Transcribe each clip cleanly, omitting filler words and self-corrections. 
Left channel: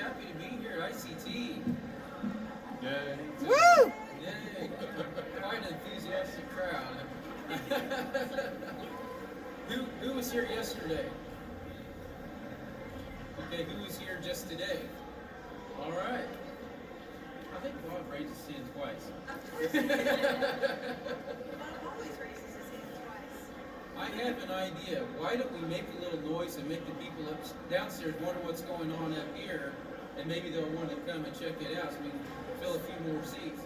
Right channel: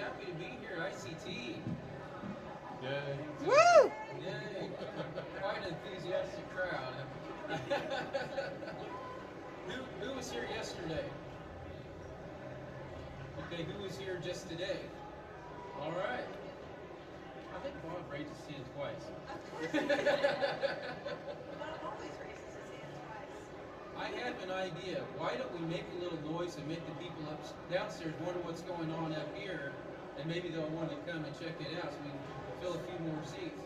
happy to be here at ICT. Yay. Woo! Yay. Quite an enthusiastic crowd. Who was here yesterday? Okay, who was here just today? All right. I think Bob raised his hand twice. Of course. Bob always raises his hand twice. I have an idea. Why don't we make a little noise and make the people downstairs wonder what's going on up here, and maybe they'll want to come and check it out so we can fill a few more seats.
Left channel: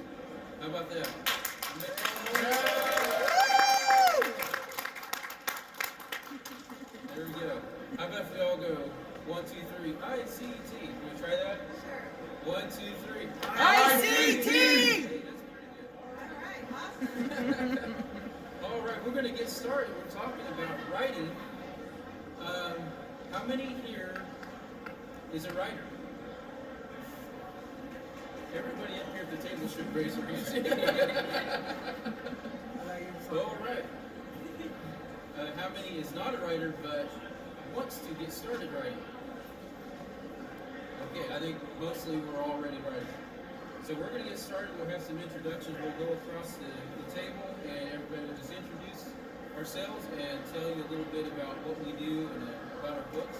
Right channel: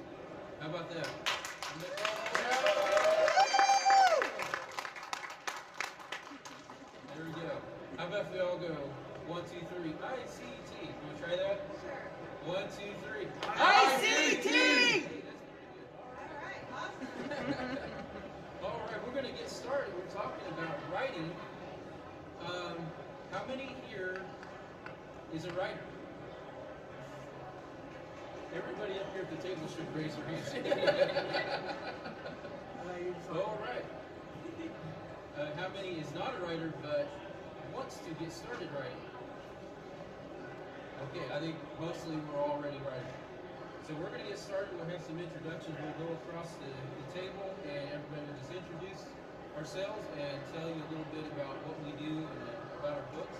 How about that? There we go. How about if we all go 1, 2, 3, ICT. Can we try that? Sure. 1, 2, 3, ICT! Hey, that's pretty good. All right, awesome. All right, we're going to get started. We're talking about writing. How many here is a writer? Everybody up here at the table should raise their hands. All right. How many is not a writer but wants to get started writing? Okay, I think mostly we're already writing. So we're going to get started. We'll have some introductions. We'll go across the table and everybody will just introduce ourselves and tell you a little bit about what we do and about our books.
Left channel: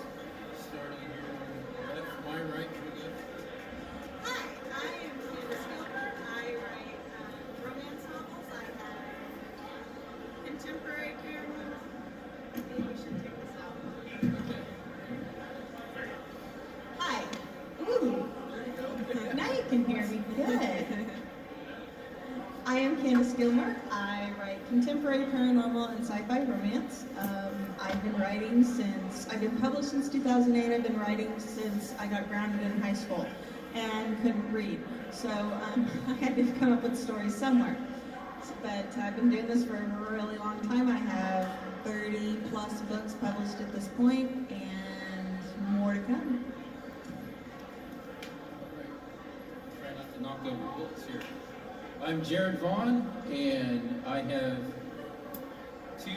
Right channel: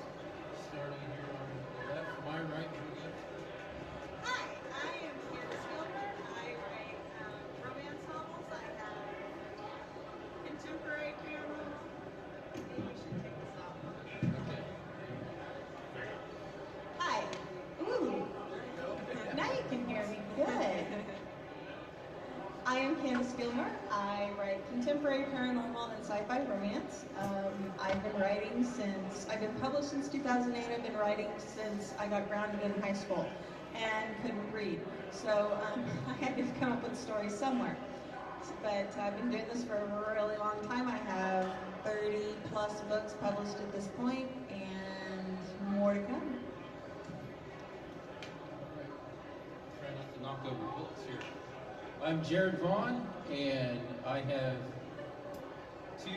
Starting here on the left, my right. Hi, I am Candice Gilmer. I write romance novels. I have contemporary paranormal. Maybe we should take this out. Okay. Hi. Ooh. Now you can hear me good. I am Candice Gilmer. I write contemporary paranormal and sci-fi romance. I've been published since 2008. I've been writing since I got grounded in high school and couldn't read. So I had to come up with stories somewhere. But I've been doing this for a really long time. I have 30 plus books published at this point and more to come. Try not to knock over books here. I'm Jared Vaughn, and I have 2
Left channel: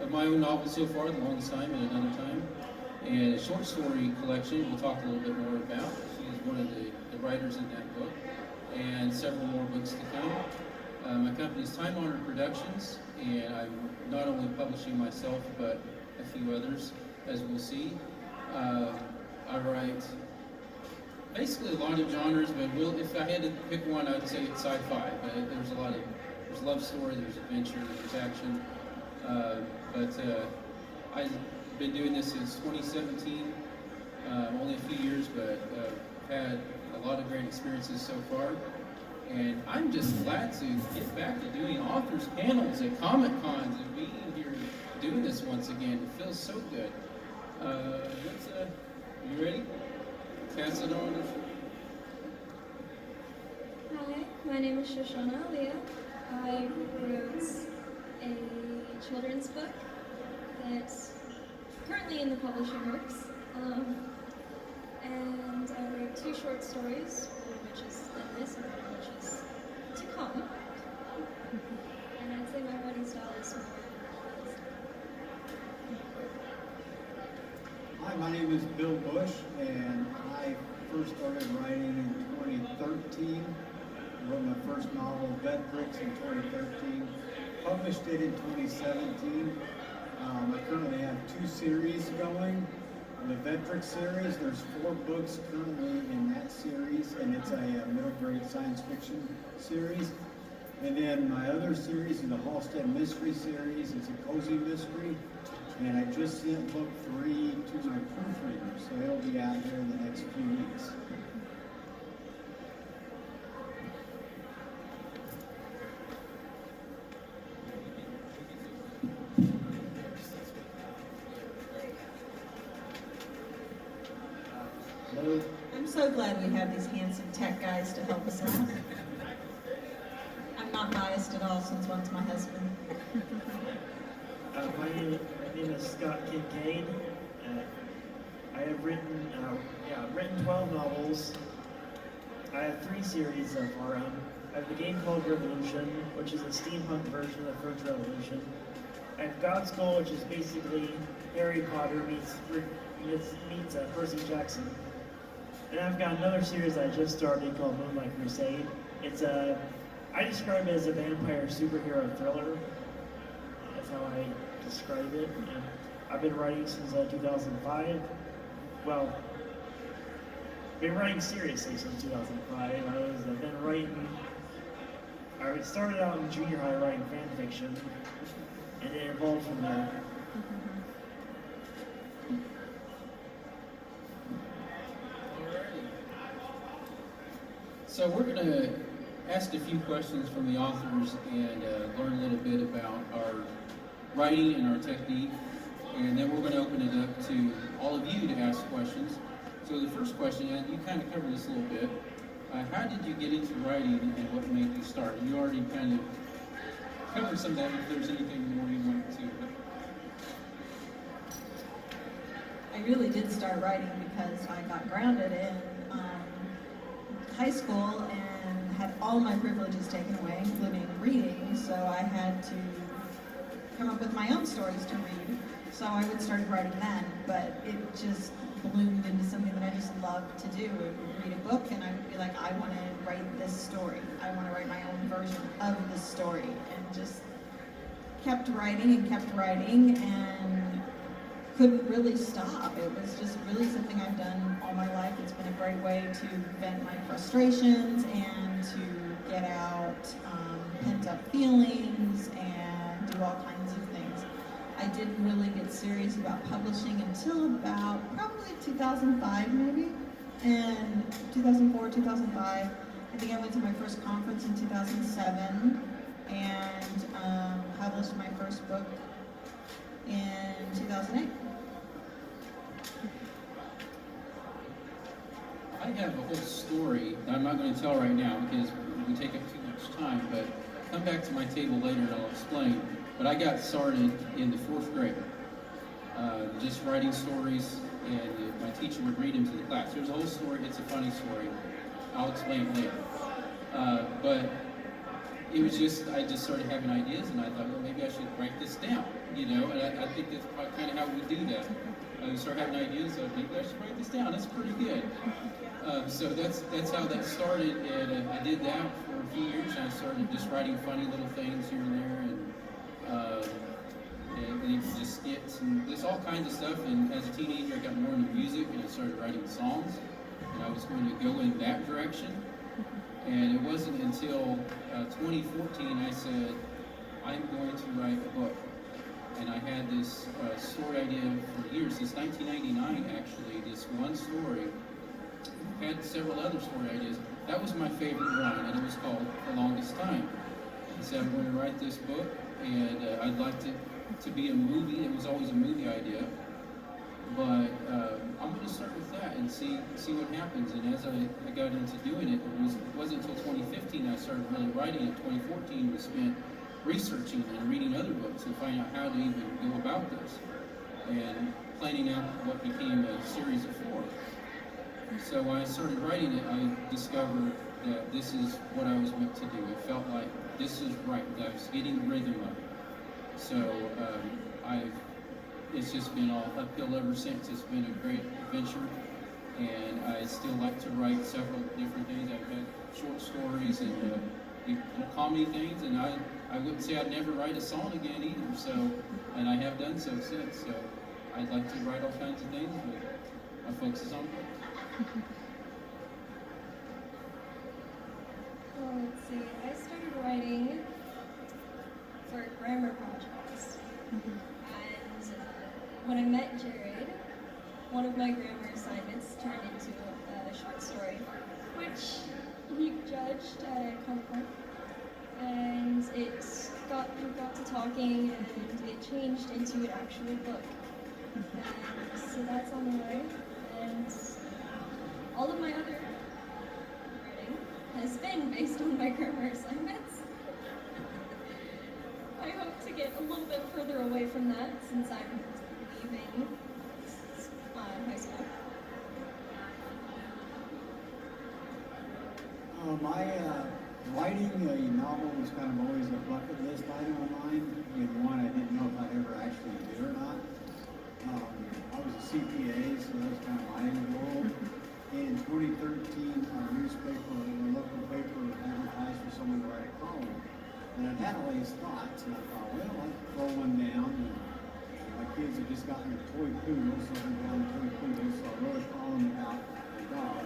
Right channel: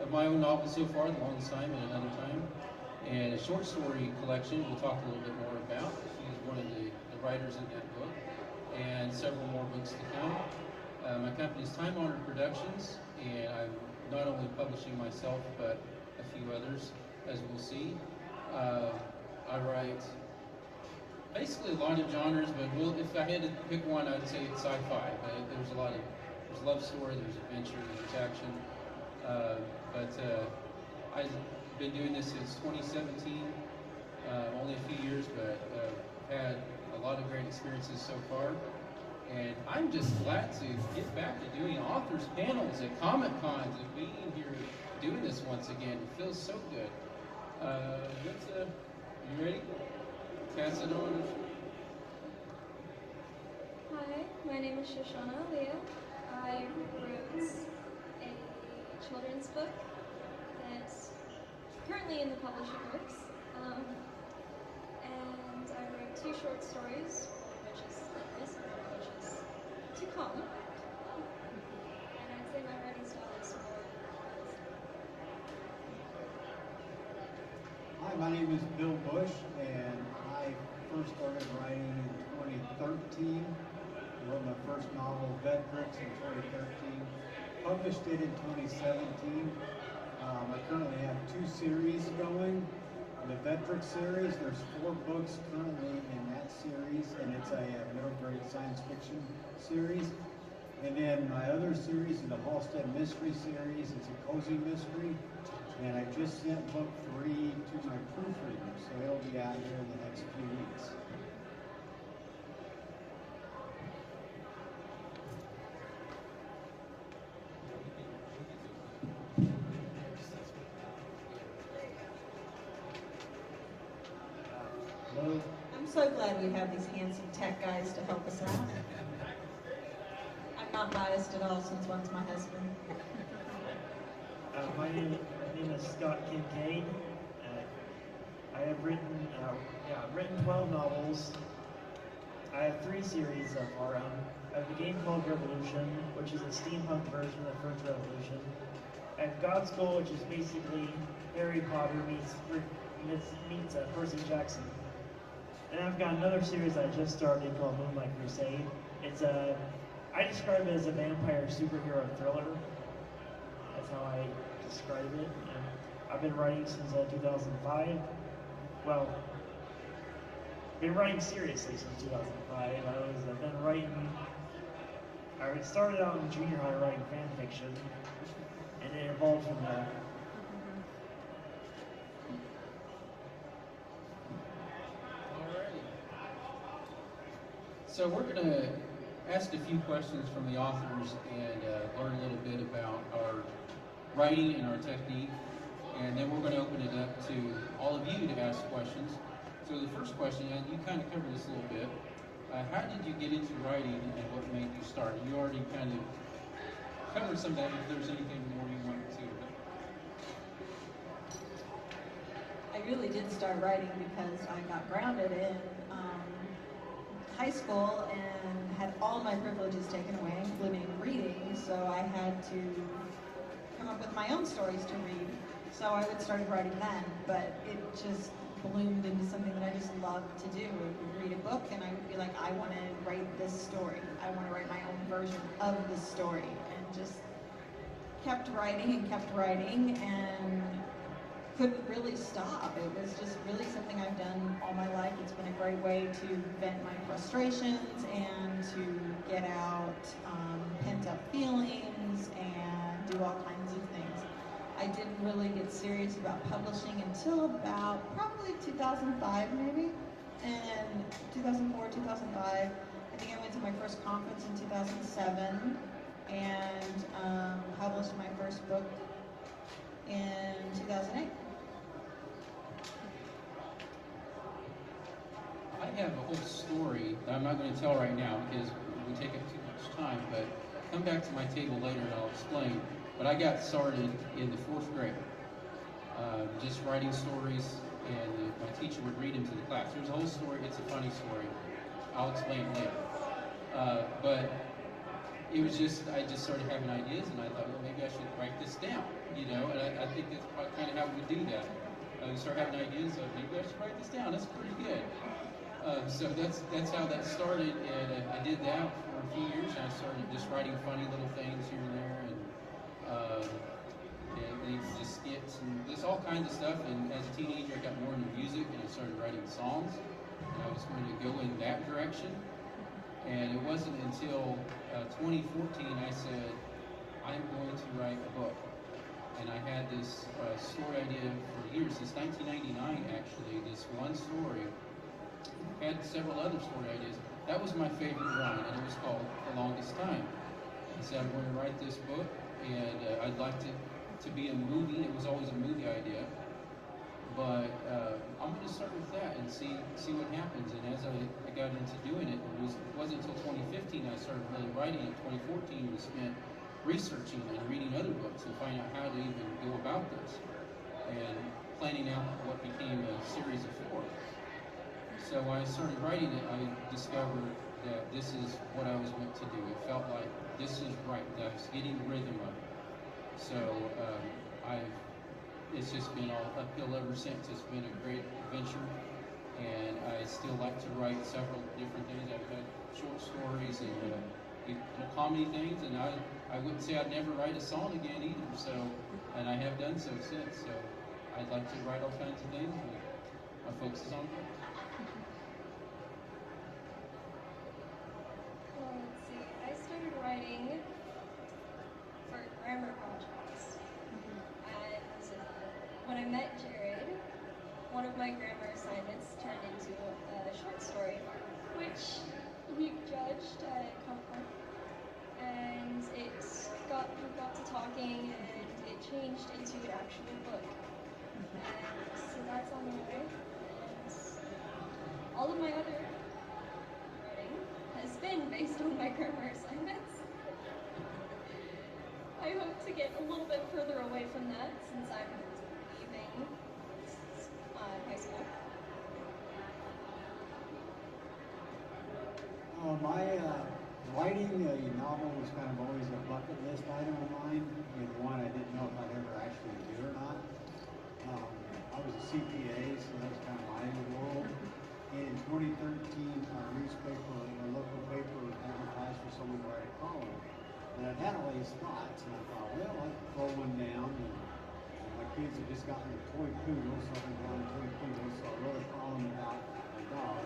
of my own novels so far, The Longest Time and Another Time, and a short story collection we'll talk a little bit more about. She's one of the writers in that book, and several more books to come. My company is Time Honored Productions, and I'm not only publishing myself, but a few others, as we'll see. I write basically a lot of genres, but if I had to pick one, I'd say it's sci-fi. But there's love story, there's adventure, there's action. I've been doing this since 2017, only a few years, but had a lot of great experiences so far. And I'm just glad to get back to doing authors panels at Comic Cons and being here doing this once again. It feels so good. You ready? Pass it on. Hi, my name is Shoshanna Aaliyah. I wrote a children's book that's currently in the publishing works. And I wrote 2 short stories, one of which is in this and one of which is to come. And I'd say my writing style is more. Hi, my name is Bill Bush, and I first started writing in 2013. Wrote my first novel, Bed Bricks, in 2013. Published it in 2017. I currently have 2 series going. The Bed Bricks series, there's 4 books currently in that series, and it's a middle grade science fiction series. And then my other series is the Halstead Mystery series. It's a cozy mystery. And I just sent book 3 to my proofreader, so it'll be out here in the next few weeks. Hello. I'm so glad we have these handsome tech guys to help us out. I'm not biased at all since one's my husband. My name is Scott Kinkade. I have written 12 novels. I have 3 series so far. I have the game called Revolution, which is a steampunk version of French Revolution. I have God's School, which is basically Harry Potter meets Percy Jackson. And I've got another series I just started called Moonlight Crusade. I describe it as a vampire superhero thriller. That's how I describe it. And I've been writing since 2005. Well, been writing seriously since 2005. I've been writing. I started out in junior high writing fan fiction, and it evolved from there. Alrighty. So we're going to ask a few questions from the authors and learn a little bit about our writing and our technique, and then we're going to open it up to all of you to ask questions. So the first question, and you kind of covered this a little bit, how did you get into writing and what made you start? You already kind of covered some of that, if there's anything more you want to. I really did start writing because I got grounded in high school and had all my privileges taken away, including reading, so I had to come up with my own stories to read. So I would start writing then, but it just bloomed into something that I just loved to do. I would read a book and I would be like, I want to write this story. I want to write my own version of this story, and just kept writing and couldn't really stop. It was just really something I've done all my life. It's been a great way to vent my frustrations and to get out pent up feelings and do all kinds of things. I didn't really get serious about publishing until about probably 2005 maybe, and 2004, 2005. I think I went to my first conference in 2007 and published my first book in 2008. I have a whole story that I'm not going to tell right now because it would take up too much time, but come back to my table later and I'll explain. But I got started in the 4th grade, just writing stories, and my teacher would read them to the class. There's a whole story, it's a funny story. I'll explain it later. But it was just, I just started having ideas, and I thought, well, maybe I should write this down, you know, and I think that's kind of how we do that. We start having ideas, so maybe I should write this down, that's pretty good. So that's how that started, and I did that for a few years, and I started just writing funny little things here and there, and even just skits, and there's all kinds of stuff. And as a teenager, I got more into music, and I started writing songs, and I was going to go in that direction. And it wasn't until 2014 I said, I'm going to write a book. And I had this story idea for years, since 1999 actually, this one story. I had several other story ideas. That was my favorite one, and it was called The Longest Time. I said, I'm going to write this book, and I'd like to be a movie. It was always a movie idea. But I'm going to start with that and see what happens. And as I got into doing it, it wasn't until 2015 I started really writing it. 2014 we spent researching and reading other books and finding out how to even go about this and planning out what became a series of 4. So when I started writing it, I discovered that this is what I was meant to do. It felt like this is right, that I was getting the rhythm of it. So it's just been all uphill ever since. It's been a great adventure, and I still like to write several different things. I've had short stories and little comedy things, and I wouldn't say I'd never write a song again either. So, and I have done so since. So I'd like to write all kinds of things, but my focus is on books. Well, let's see. I started writing for grammar projects. And when I met Jared, one of my grammar assignments turned into a short story, which he judged at a conference. And we got to talking, and it changed into an actual book. And so that's on the way. And all of my other writing has been based on my grammar assignments. I hope to get a little bit further away from that since I'm leaving high school. My writing a novel was kind of always a bucket list item of mine, and one I didn't know if I'd ever actually do or not. I was a CPA, so that's kind of my end of the world. In 2013, got a toy poodle, so I found toy poodle, so I wrote a column about a dog.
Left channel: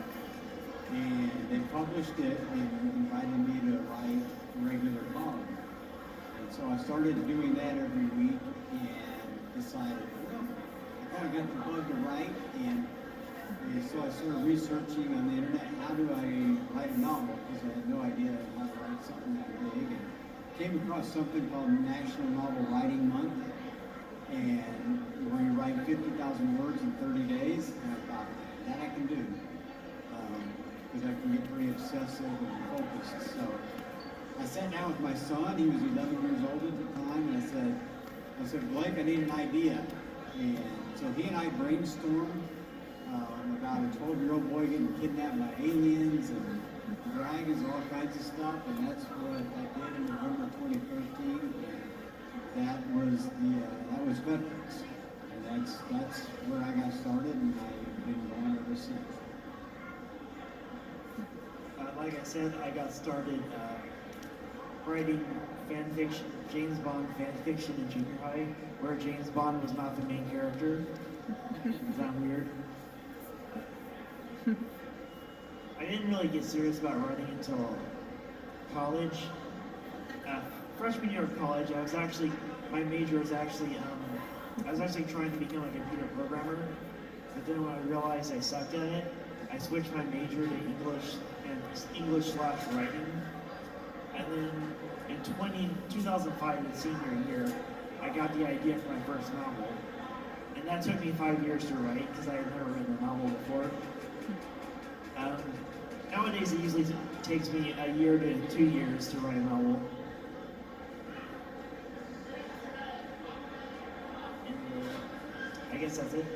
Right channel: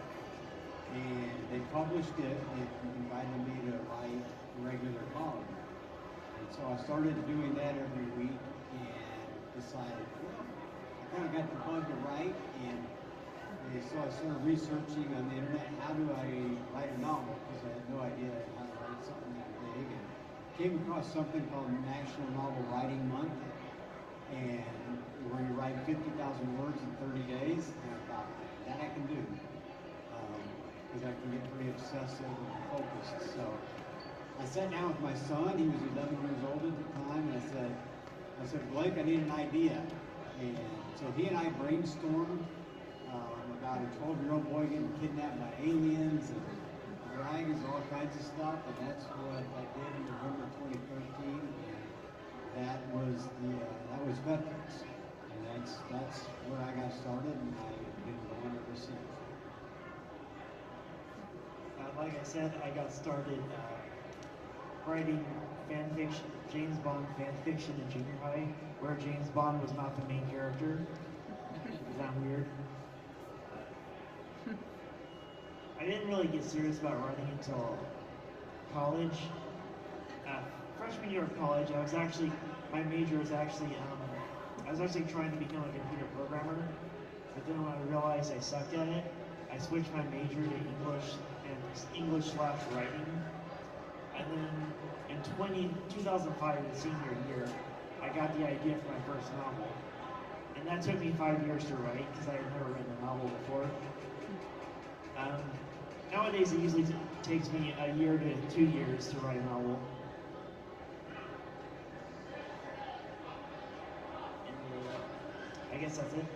And they published it and invited me to write a regular column. And so I started doing that every week and decided, well, I kind of got the bug to write, and so I started researching on the internet, how do I write a novel? Because I had no idea how to write something that big. And came across something called National Novel Writing Month, and where you write 50,000 words in 30 days. And I thought, that I can do, because I can get pretty obsessive and focused. So I sat down with my son. He was 11 years old at the time, and I said, Blake, I need an idea. And so he and I brainstormed about a 12-year-old boy getting kidnapped by aliens and dragons and all kinds of stuff, and that's what I did in November 2013. And that was Veterans, and that's where I got started, and I've been going ever since. Like I said, I got started writing fan fiction, James Bond fan fiction in junior high, where James Bond was not the main character. Is that weird? I didn't really get serious about writing until college. Freshman year of college, my major was actually, I was actually trying to become a computer programmer, but then when I realized I sucked at it, I switched my major to English/writing, and then in 2005, the senior year, I got the idea for my first novel, and that took me 5 years to write because I had never written a novel before. Nowadays, it usually takes me a year to 2 years to write a novel. And, I guess that's it.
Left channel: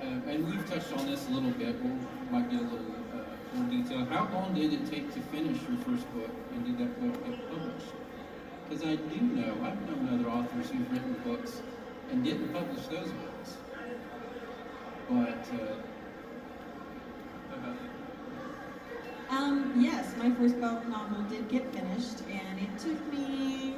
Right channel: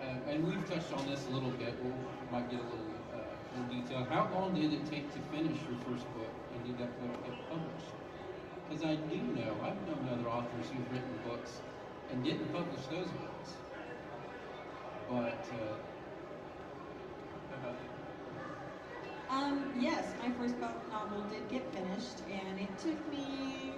And we've touched on this a little bit. We might get a little more detail. How long did it take to finish your first book, and did that book get published? Because I've known other authors who've written books and didn't publish those books. But yes, my first novel did get finished, and it took me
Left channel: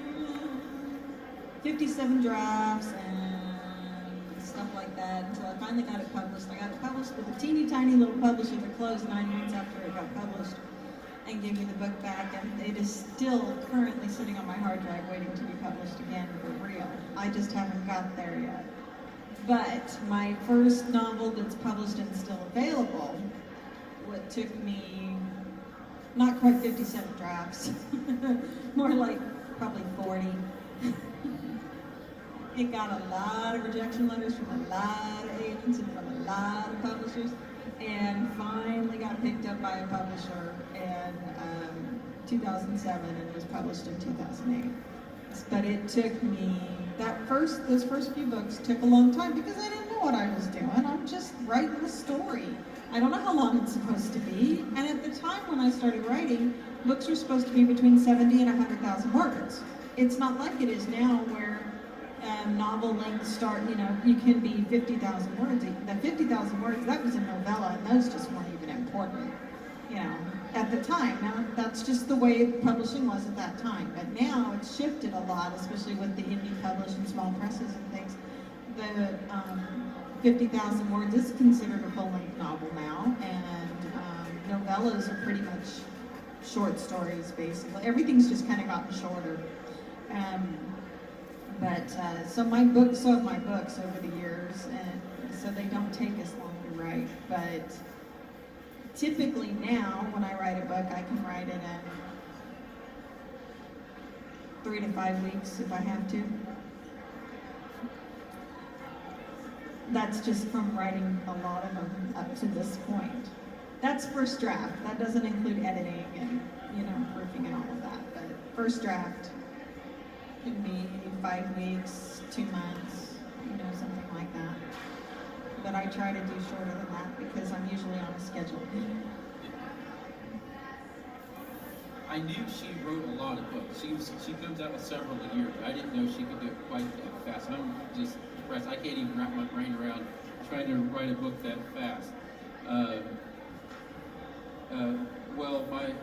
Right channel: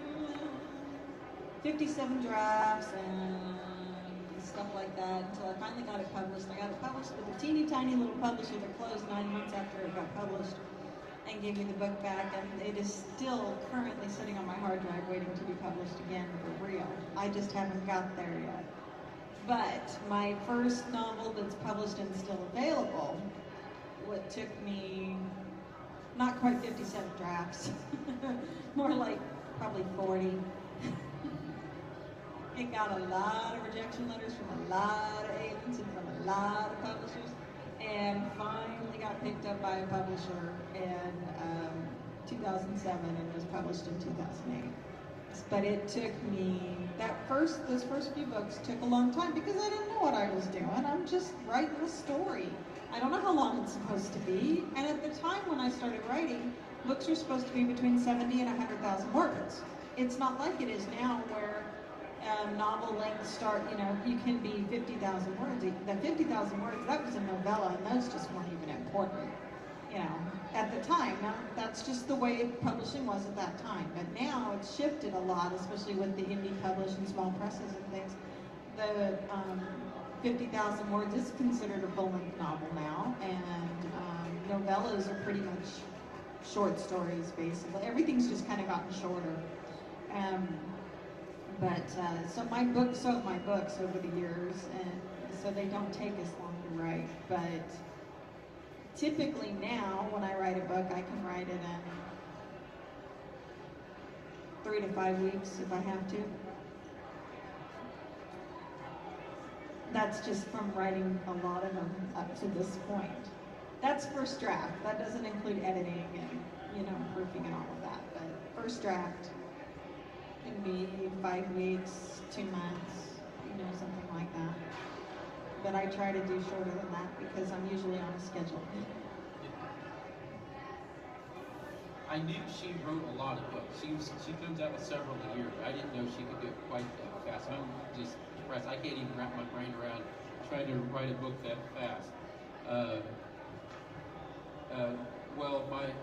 57 drafts and stuff like that until I finally got it published. I got it published with a teeny tiny little publisher that closed 9 months after it got published and gave me the book back, and it is still currently sitting on my hard drive waiting to be published again for real. I just haven't got there yet. But my first novel that's published and still available, what took me not quite 57 drafts, more like probably 40. It got a lot of rejection letters from a lot of agents and from a lot of publishers, and finally got picked up by a publisher in 2007 and was published in 2008. But it took me, those first few books took a long time because I didn't know what I was doing. I'm just writing a story. I don't know how long it's supposed to be. And at the time when I started writing, books were supposed to be between 70 and 100,000 words. It's not like it is now where novel lengths start, you can be 50,000 words. The 50,000 words, that was a novella, and those just weren't even important, at the time. Now, that's just the way publishing was at that time. But now it's shifted a lot, especially with the indie publish and small presses and things. The 50,000 words is considered a full-length novel now, and novellas are pretty much short stories, basically. Everything's just kind of gotten shorter. So my books have my books over the years, and so they don't take as long to write. But typically now, when I write a book, I can write it in 3 to 5 weeks if I have to. That's just from writing a lot of them up to this point. That's first draft. That doesn't include editing and, proofing and all of that. But first draft can be 5 weeks, 2 months, something like that. But I try to do shorter than that because I'm usually on a schedule. I knew she wrote a lot of books. She comes out with several a year. I didn't know she could do it quite that fast. I'm just impressed. I can't even wrap my brain around trying to write a book that fast.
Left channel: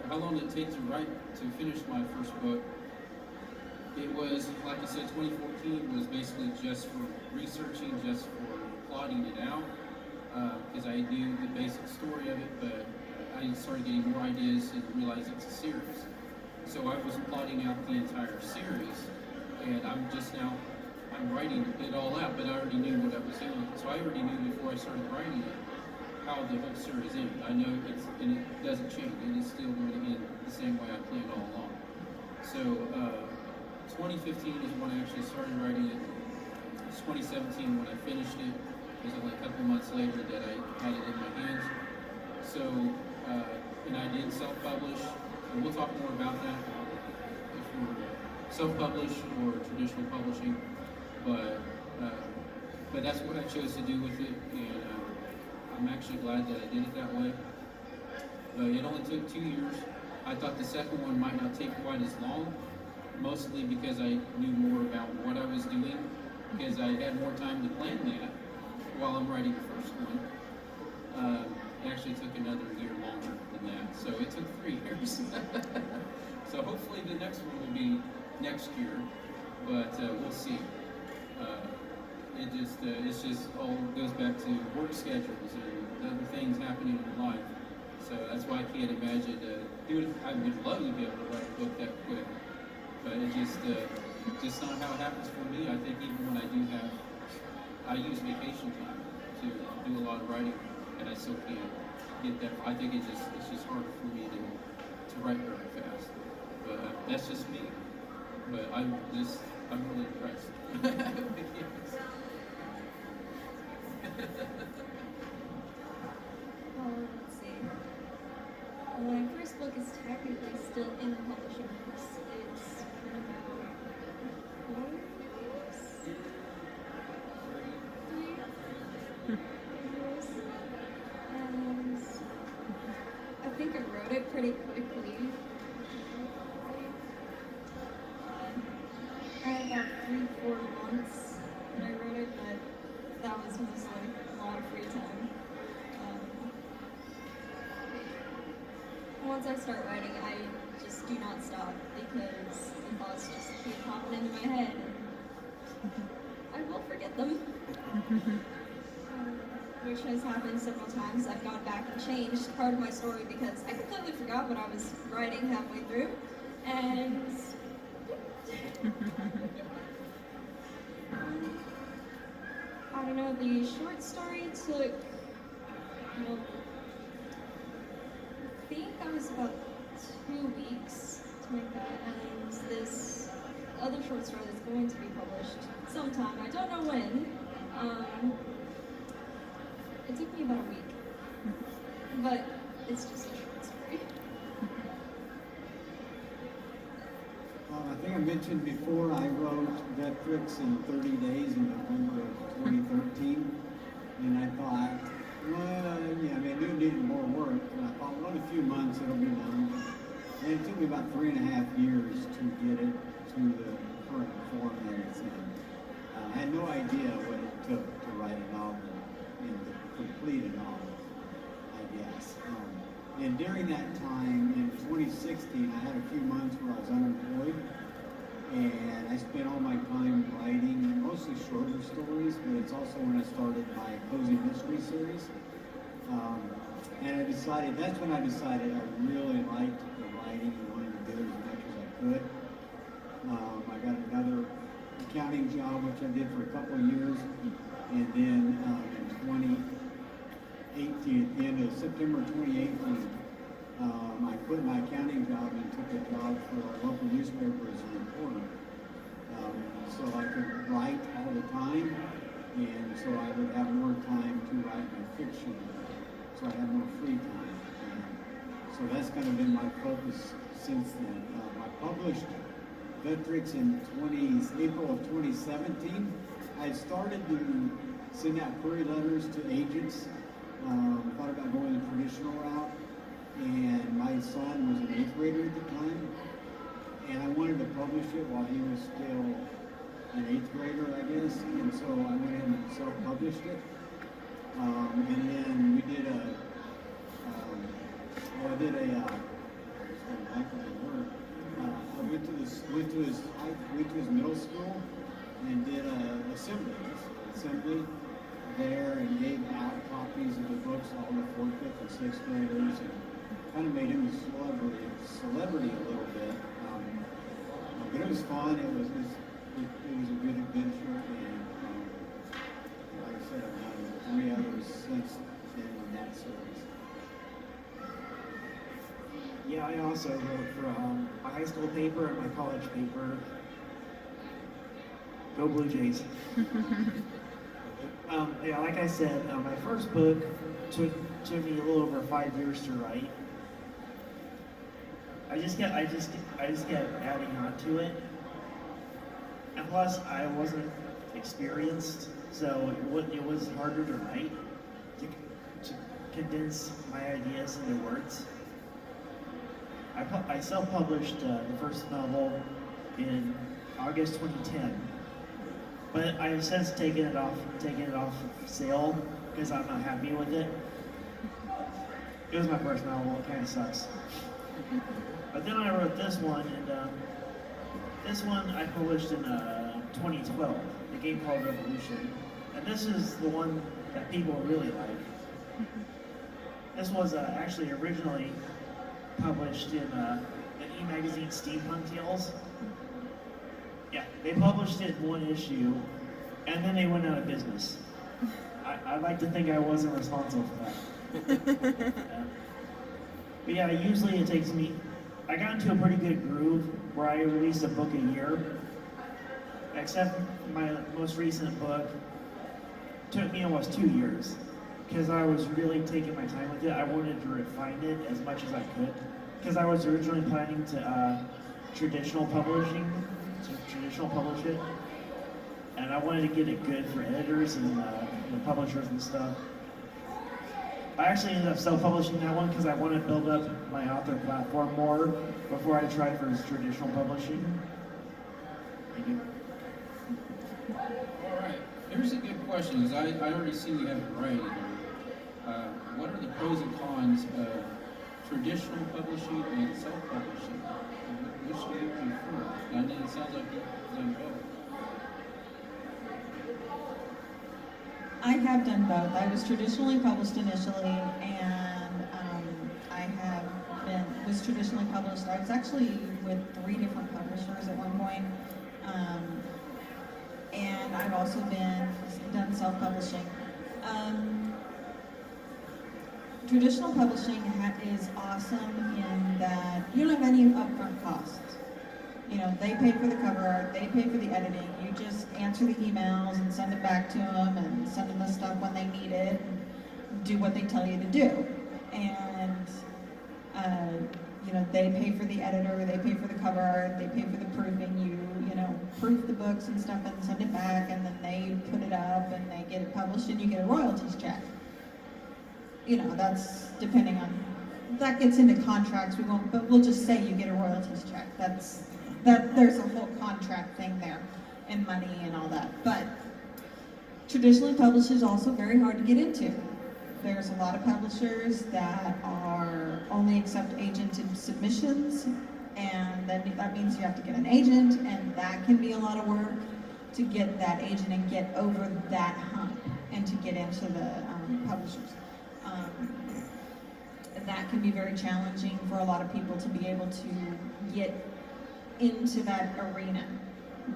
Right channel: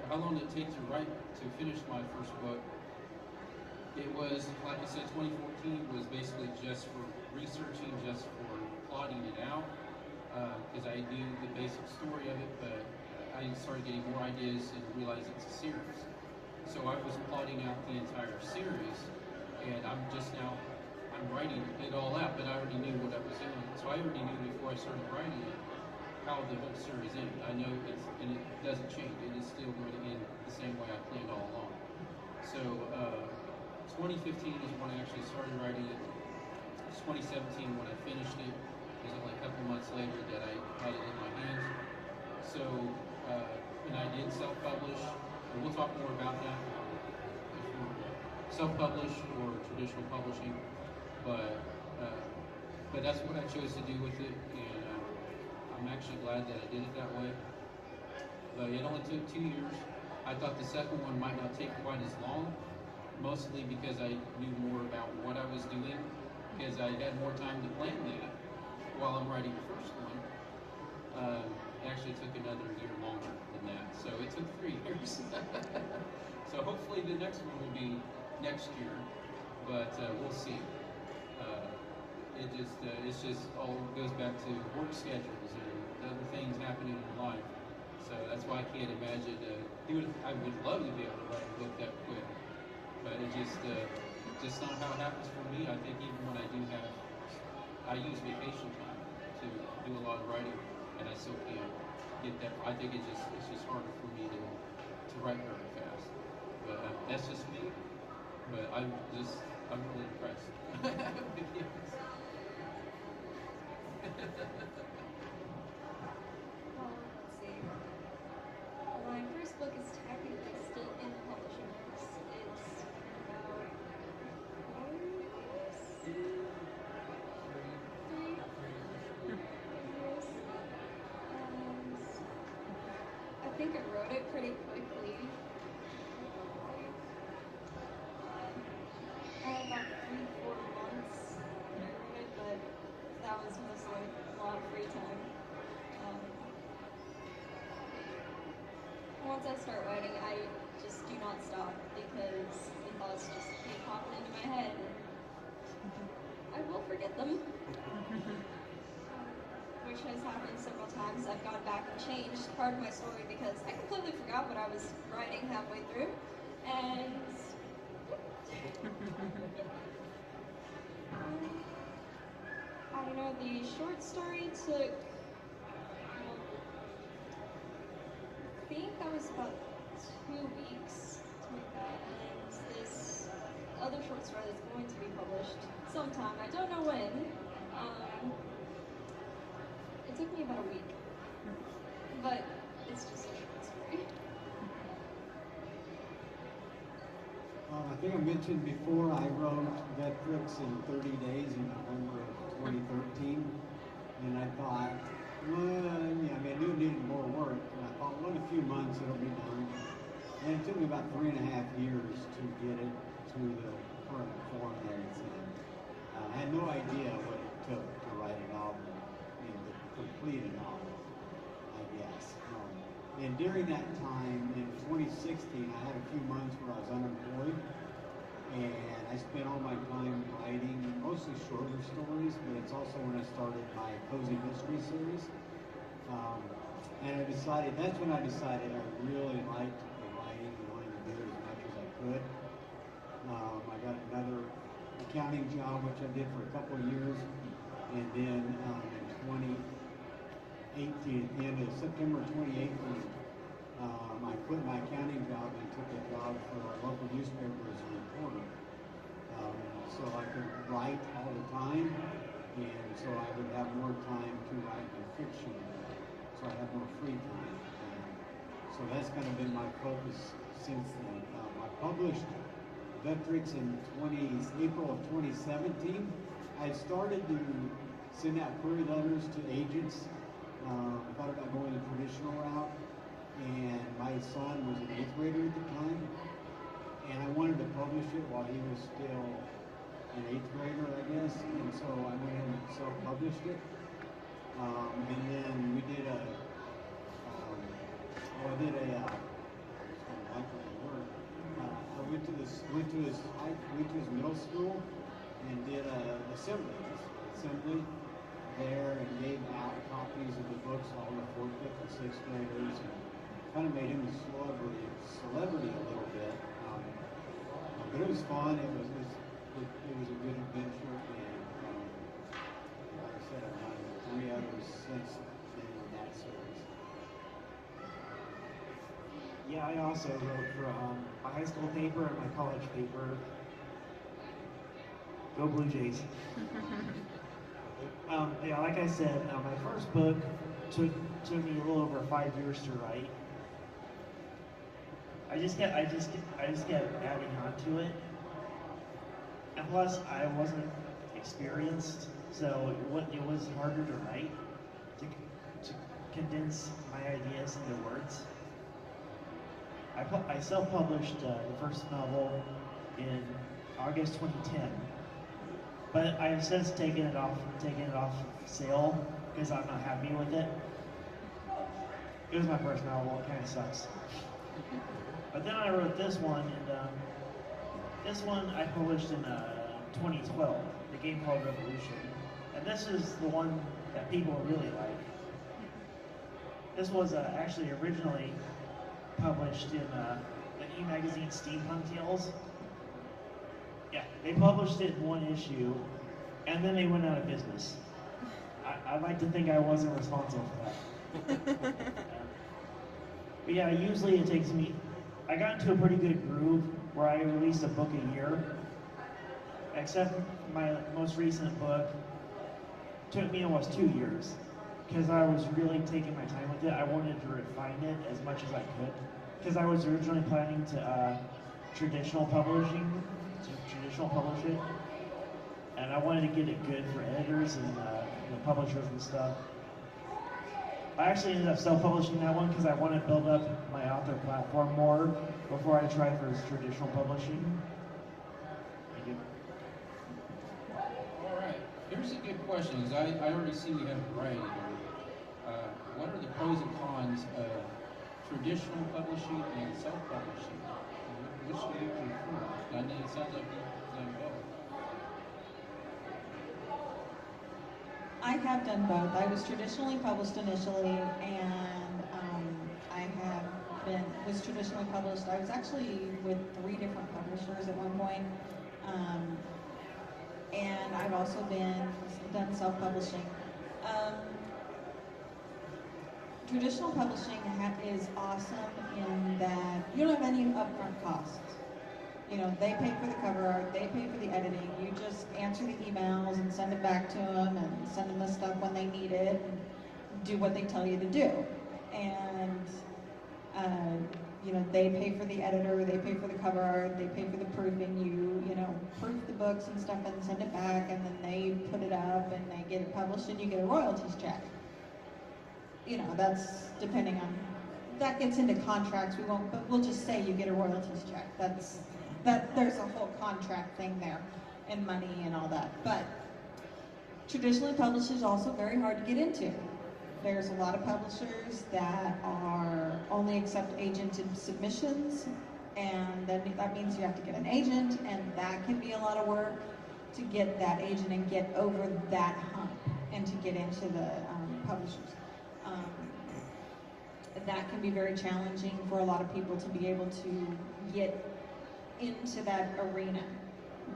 How long did it take to finish my first book? It was, like I said, 2014 was basically just for researching, just for plotting it out, because I knew the basic story of it, but I started getting more ideas and realized it's a series. So I was plotting out the entire series, and I'm writing it all out, but I already knew what I was doing. So I already knew before I started writing it how the whole series ended. I know and it doesn't change. It is still going to end the same way I planned all along. So 2015 is when I actually started writing it. It's 2017 when I finished it. It was only a couple months later that I had it in my hands. So, and I did self-publish. And we'll talk more about that if we're self-publish or traditional publishing. But that's what I chose to do with it, and I'm actually glad that I did it that way. It only took 2 years. I thought the second one might not take quite as long, mostly because I knew more about what I was doing, because I had more time to plan that while I'm writing the first one. It actually took another year longer than that, so it took 3 years. So hopefully the next one will be next year, but we'll see. It's just all goes back to work schedules and other things happening in life. So that's why I can't imagine I would love to be able to write a book that quick, but it just not how it happens for me. I think even when I use vacation time to do a lot of writing, and I still can't get that. I think it's just harder for me to write very fast. But that's just me. But I'm really impressed. Well, let's see. My first book is technically still in the publishing house. It's been about 4 years? 3 years. And I think I wrote it pretty quickly. I had about 3-4 months when I wrote it, but that was mostly a lot of free time. Once I start writing, I just do not stop because the thoughts just keep popping into my head. I will forget them, which has happened several times. I've gone back and changed part of my story because I completely forgot what I was writing halfway through, and I don't know, the short story took, well, I think that was about 2 weeks to make that, and this other short story that's going to be published sometime, I don't know when. It took me about a week, but it's just a short story. I think I mentioned before I wrote Vetrix in 30 days in November of 2013, and I thought, I knew it needed more work, and I thought, well, in a few months it'll be done. And it took me about 3.5 years to get it to the current form that it's in. I had no idea what it took to write a novel and to complete a novel, I guess. And during that time, in 2016, I had a few months where I was unemployed, and I spent all my time writing mostly shorter stories, but it's also when I started my cozy mystery series. And that's when I decided I really liked the writing and wanted to do it as much as I could. I got another accounting job, which I did for a couple of years, and then in 2018, at the end of September 2018, I quit my accounting job and took a job for a local newspaper as a reporter. So I could write all the time, and so I would have more time to write my fiction. So I have more free time. And so that's kind of been my focus since then. I published Vetrix in April of 2017. I started to send out query letters to agents. Thought about going the traditional route. And my son was an 8th grader at the time. And I wanted to publish it while he was still an 8th grader, I guess. And so I went in and self-published it. And then we did we went to his middle school and did assembly there and gave out copies of the books to all the fourth, fifth, and sixth graders, and kind of made him a celebrity a little bit. But it was fun. It was a good adventure, and like I said, I've done 3 others since then in that series. Yeah, I also wrote for my high school paper and my college paper. Go Blue Jays. Yeah, like I said, my first book took me a little over 5 years to write. I just kept adding on to it, and plus I wasn't experienced, so it was harder to write, to condense my ideas into words. I self-published the first novel in August 2010, but I have since taken it off sale because I'm not happy with it. It was my first novel. It kind of sucks. But then I wrote this one, and this one I published in 2012, the game called Revolution. And this is the one that people really like. This was actually originally published in the e-magazine Steampunk Tales. Yeah, they published it in 1 issue, and then they went out of business. I'd like to think I wasn't responsible for that. But yeah, usually it takes me, I got into a pretty good groove where I released a book a year, except my most recent book took me almost 2 years, because I was really taking my time with it. I wanted to refine it as much as I could, because I was originally planning to traditional publish it, and I wanted to get it good for editors and publishers and stuff. I actually ended up self-publishing that one because I want to build up my author platform more before I try for traditional publishing. Thank you. All right, here's a good question, because I already see we have a variety here. What are the pros and cons of traditional publishing and self-publishing? Which do you prefer? I mean, it sounds like you've done both. I have done both. I was traditionally published initially, and was traditionally published. I was actually with 3 different publishers at one point, and I've also done self-publishing. Traditional publishing is awesome in that you don't have any upfront costs. You know, they pay for the cover art, they pay for the editing. You just answer the emails and send it back to them and send them the stuff when they need it and do what they tell you to do. And, they pay for the editor, they pay for the cover art, they pay for the proofing. You proof the books and stuff and send it back, and then they put it up and they get it published and you get a royalties check. That's depending on, that gets into contracts, but we'll just say you get a royalties check. There's a whole contract thing there, and money and all that. But traditionally published is also very hard to get into. There's a lot of publishers that only accept agented submissions, and then that means you have to get an agent, and that can be a lot of work to get that agent and get over that hump and to get into the publishers. That can be very challenging for a lot of people to be able to get into that arena.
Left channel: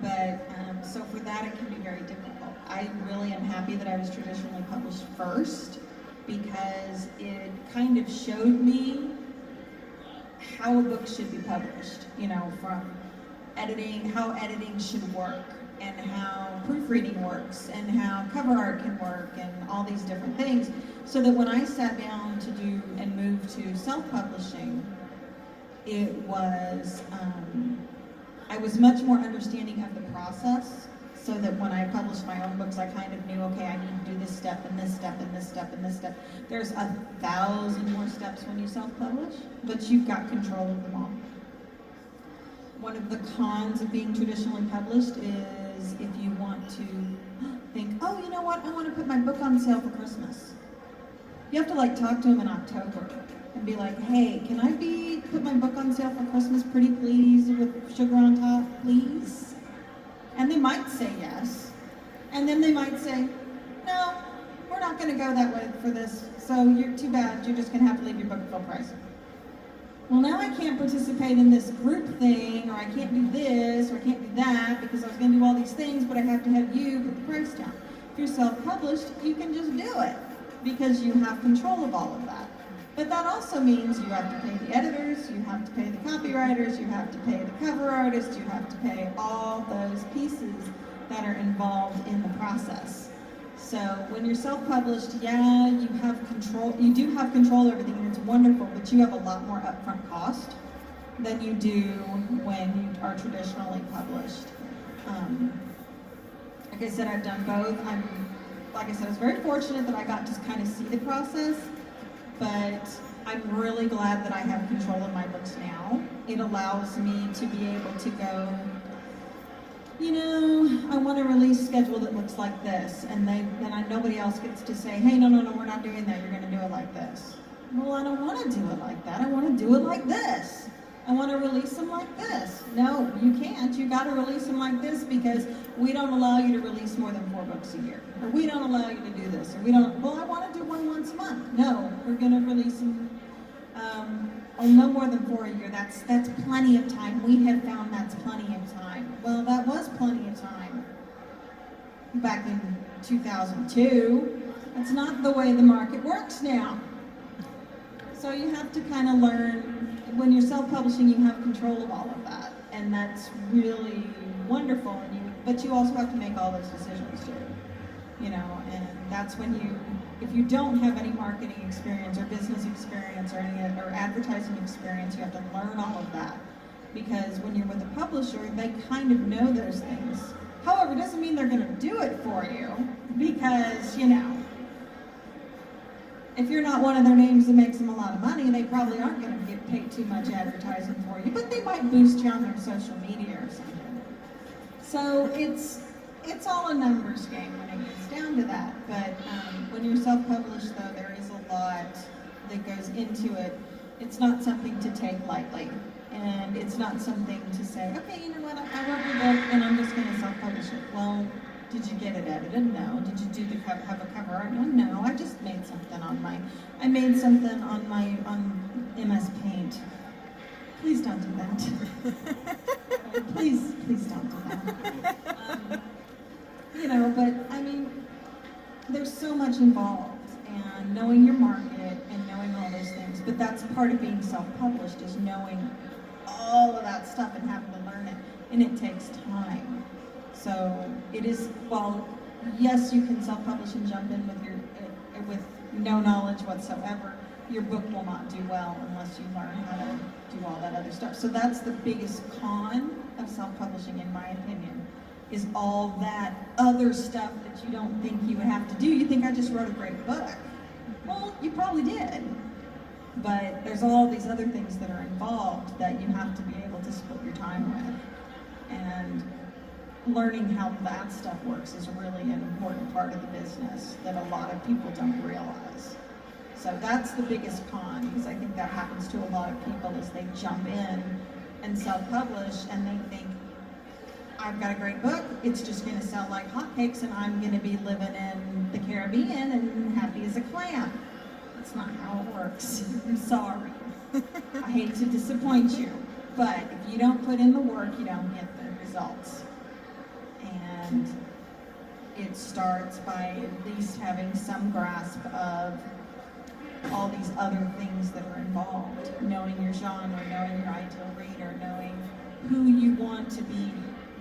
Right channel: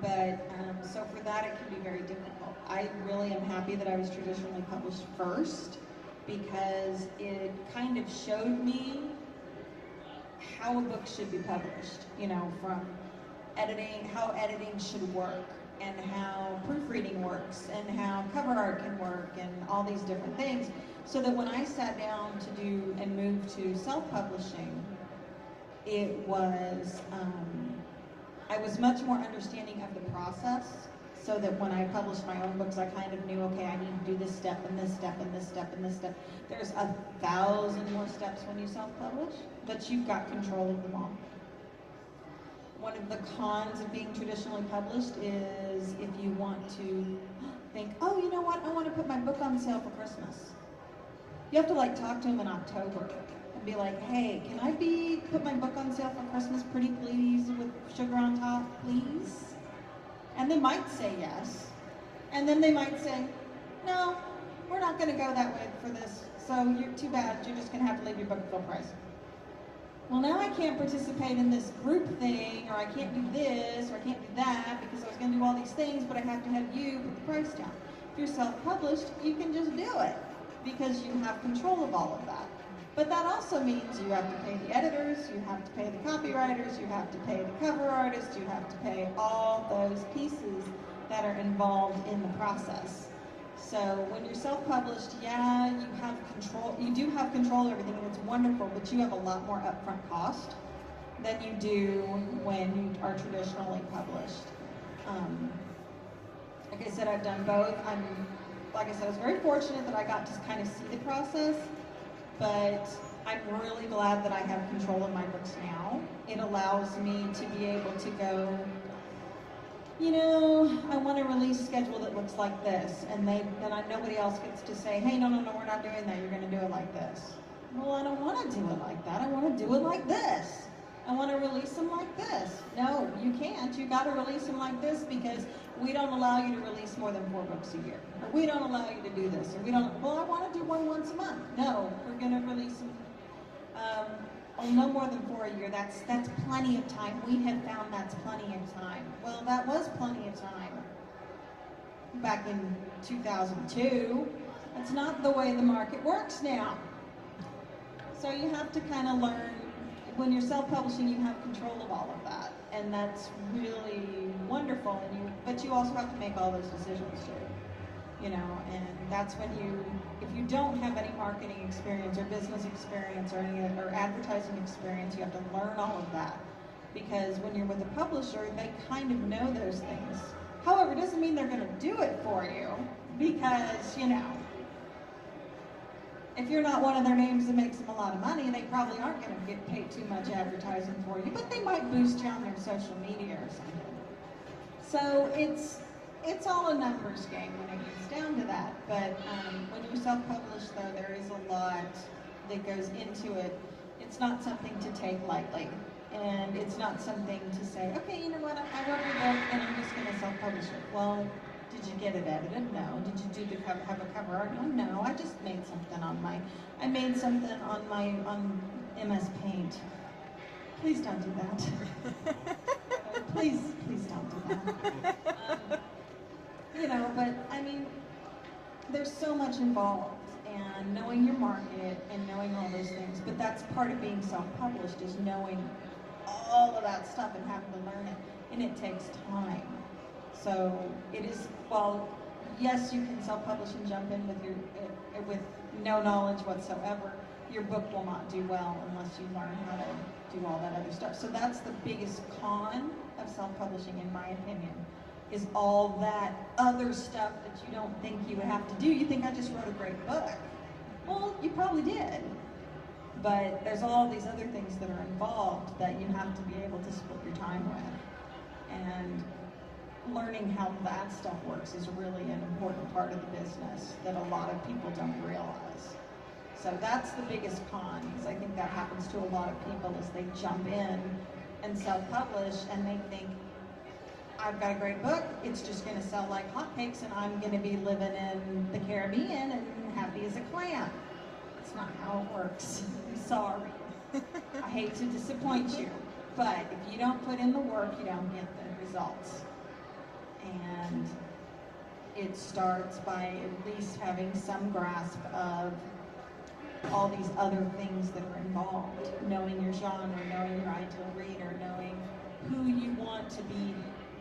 But so for that, it can be very difficult. I really am happy that I was traditionally published first, because it kind of showed me how a book should be published, from editing, how editing should work, and how proofreading works, and how cover art can work, and all these different things, so that when I sat down to do and move to self-publishing, it was, I was much more understanding of the process, so that when I published my own books, I kind of knew, okay, I need to do this step, and this step, and this step, and this step. There's 1,000 more steps when you self-publish, but you've got control of them all. One of the cons of being traditionally published is if you want to think, oh, you know what, I want to put my book on sale for Christmas. You have to talk to them in October. and be like, hey, can I put my book on sale for Christmas, pretty please, with sugar on top, please? And they might say yes. And then they might say, no, we're not gonna go that way for this, so you're too bad, you're just gonna have to leave your book at full price. Well, now I can't participate in this group thing, or I can't do this, or I can't do that, because I was gonna do all these things, but I have to have you put the price down. If you're self-published, you can just do it, because you have control of all of that. But that also means you have to pay the editors, you have to pay the copywriters, you have to pay the cover artists, you have to pay all those pieces that are involved in the process. So when you're self-published, yeah, you have control, you do have control of everything, and it's wonderful, but you have a lot more upfront cost than you do when you are traditionally published. Like I said, I've done both. Like I said, I was very fortunate that I got to kind of see the process, but I'm really glad that I have control of my books now. It allows me to be able to go, you know, I want a release schedule that looks like this, and then nobody else gets to say, hey, no, we're not doing that, you're gonna do it like this. Well, I don't wanna do it like that, I wanna do it like this. I wanna release them like this. No, you can't, you gotta release them like this because we don't allow you to release more than 4 books a year. Or we don't allow you to do this, or we don't, well, I wanna do one once a month. No, we're gonna release them, no more than 4 a year. That's plenty of time. We have found that's plenty of time. Well, that was plenty of time back in 2002. That's not the way the market works now. So you have to kind of learn, when you're self-publishing, you have control of all of that. And that's really wonderful. But you also have to make all those decisions too. You know, and that's when if you don't have any marketing experience or business experience or advertising experience, you have to learn all of that. Because when you're with a publisher, they kind of know those things. However, it doesn't mean they're gonna do it for you, because, you know, if you're not one of their names that makes them a lot of money, they probably aren't gonna get paid too much advertising for you, but they might boost you on their social media or something. So it's all a numbers game when it gets down to that. But when you're self-published, though, there is a lot that goes into it. It's not something to take lightly. And it's not something to say, okay, you know what, I wrote your book and I'm just gonna self-publish it. Well, did you get it edited? No. Did you have a cover art? No, I just made something on MS Paint. Please don't do that. Please don't do that. You know, but I mean, there's so much involved, and knowing your market and knowing all those things. But that's part of being self-published, is knowing all of that stuff and having to learn it, and it takes time. So it is, well, yes, you can self-publish and jump in with no knowledge whatsoever. Your book will not do well unless you learn how to do all that other stuff. So that's the biggest con of self-publishing, in my opinion, is all that other stuff that you don't think you would have to do. You think, I just wrote a great book. Well, you probably did. But there's all these other things that are involved that you have to be able to split your time with. And learning how that stuff works is really an important part of the business that a lot of people don't realize. So that's the biggest con, because I think that happens to a lot of people, is they jump in and self-publish and they think, I've got a great book, it's just gonna sell like hotcakes and I'm gonna be living in the Caribbean and happy as a clam. That's not how it works. I'm sorry. I hate to disappoint you, but if you don't put in the work, you don't get the results. And it starts by at least having some grasp of all these other things that are involved. Knowing your genre, knowing your ideal reader, knowing who you want to be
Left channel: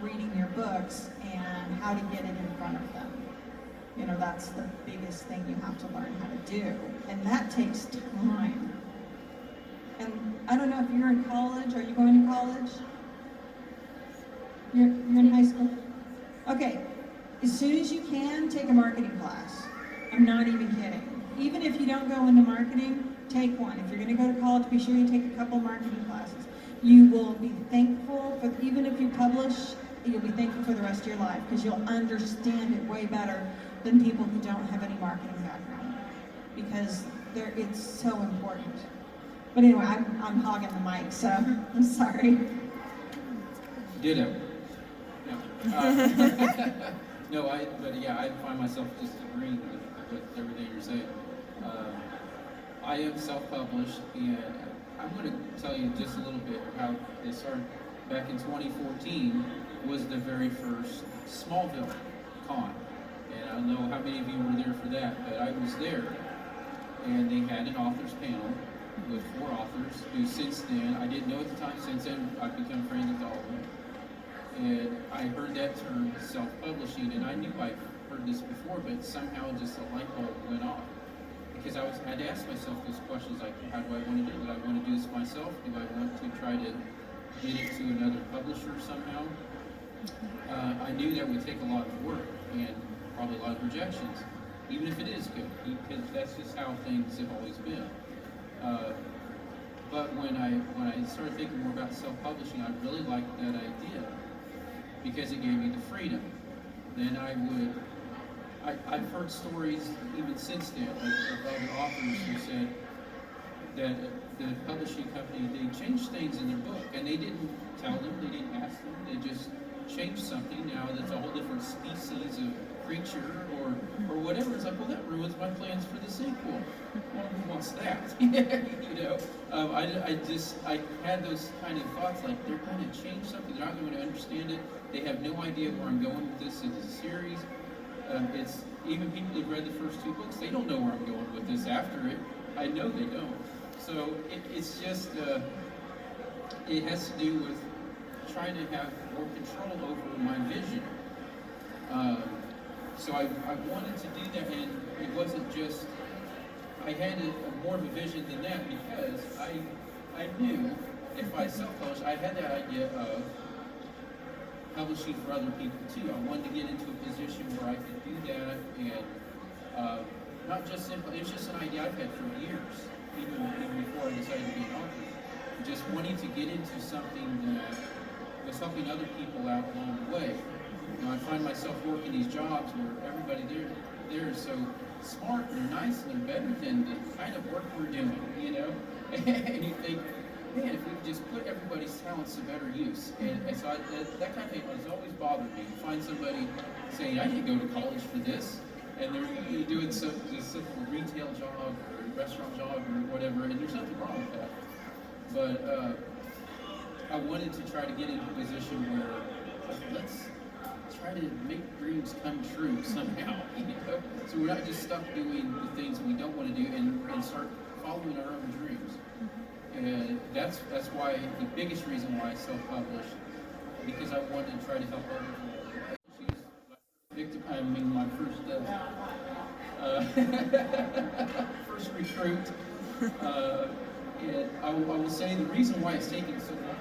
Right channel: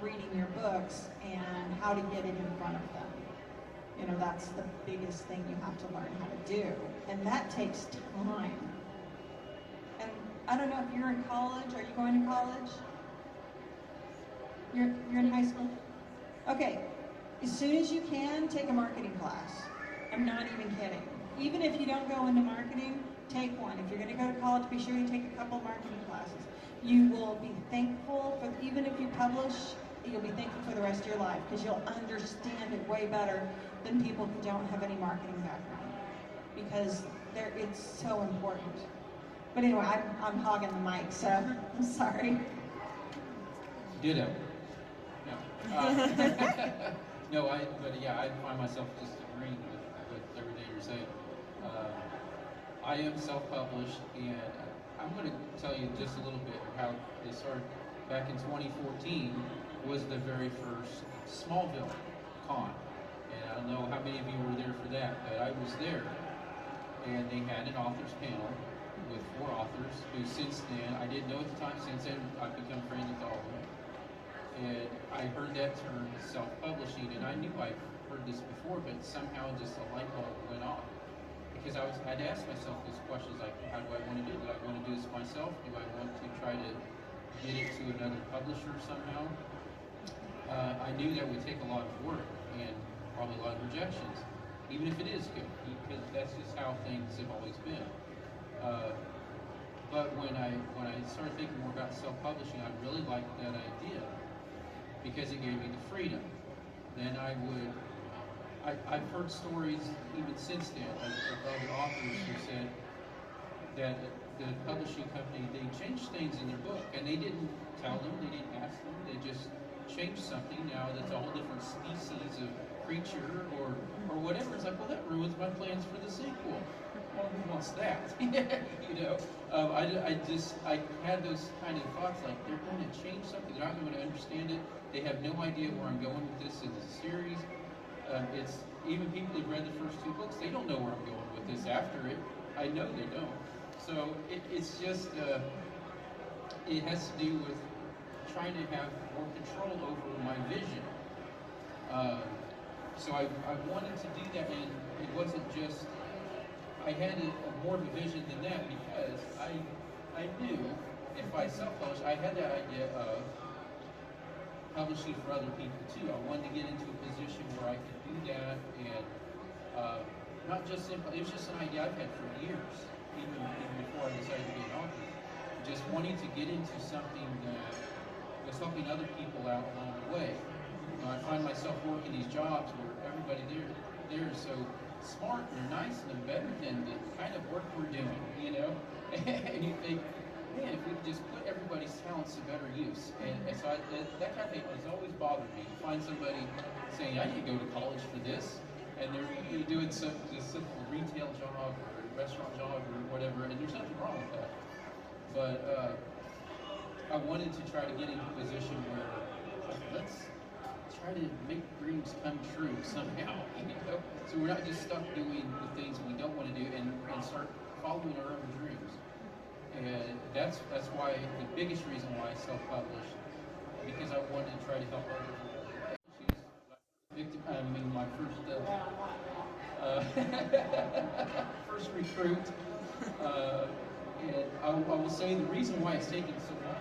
reading your books and how to get it in front of them. You know, that's the biggest thing you have to learn how to do. And that takes time. And I don't know if you're in college. Are you going to college? You're in high school? Okay. As soon as you can, take a marketing class. I'm not even kidding. Even if you don't go into marketing, take one. If you're going to go to college, be sure you take a couple marketing classes. You will be thankful for, even if you publish, you'll be thankful for the rest of your life, because you'll understand it way better than people who don't have any marketing background, because it's so important. But anyway, I'm hogging the mic, so I'm sorry. Ditto. No. No, but yeah, I find myself just agreeing with everything you're saying. I am self-published, and I'm going to tell you just a little bit how it started. Back in 2014 was the very first Smallville con, and I don't know how many of you were there for that, but I was there, and they had an authors panel with 4 authors who since then, I didn't know at the time, since then I've become friends with all of them. And I heard that term self-publishing, and I knew I'd heard this before, but somehow just a light bulb went off. Because I had to ask myself those questions like, how do I want to do it? Do I want to do this myself? Do I want to try to get it to another publisher somehow? I knew that would take a lot of work and probably a lot of rejections, even if it is good, because that's just how things have always been. But when I started thinking more about self-publishing, I really liked that idea because it gave me the freedom. Then I've heard stories even since then of other authors who said that the publishing company, they changed things in their book, and they didn't tell them, they didn't ask them, they just changed something. Now that's a whole different species of creature or whatever. It's like, well, that ruins my plans for the sequel. Well, who wants that? You know, I had those kind of thoughts like, they're going to change something, they're not going to understand it, they have no idea where I'm going with this as a series. It's even people who've read the first 2 books, they don't know where I'm going with this after it. I know they don't. So it's just, it has to do with trying to have more control over my vision. So I wanted to do that, and it wasn't just, I had more of a vision than that because I knew if I self-published, I had that idea of publishing for other people too. I wanted to get into a position where I could do that, and not just simple, it's just an idea I've had for years, even before I decided to be an author. Just wanting to get into something that was helping other people out along the way. You know, I find myself working these jobs where everybody there is so smart and they're nice and they're better than the kind of work we're doing, you know? And you think, man, if we could just put everybody's talents to better use. And so that kind of thing has always bothered me. You find somebody saying, I didn't go to college for this, and they're doing some just simple retail job or restaurant job or whatever, and there's nothing wrong with that. But I wanted to try to get into a position where let's try to make dreams come true somehow, you know? So we're not just stuck doing the things we don't want to do and start following our own dreams. And that's why, the biggest reason why I self-published, because I wanted to try to help others. My first first recruit. And I will say the reason why it's taking so long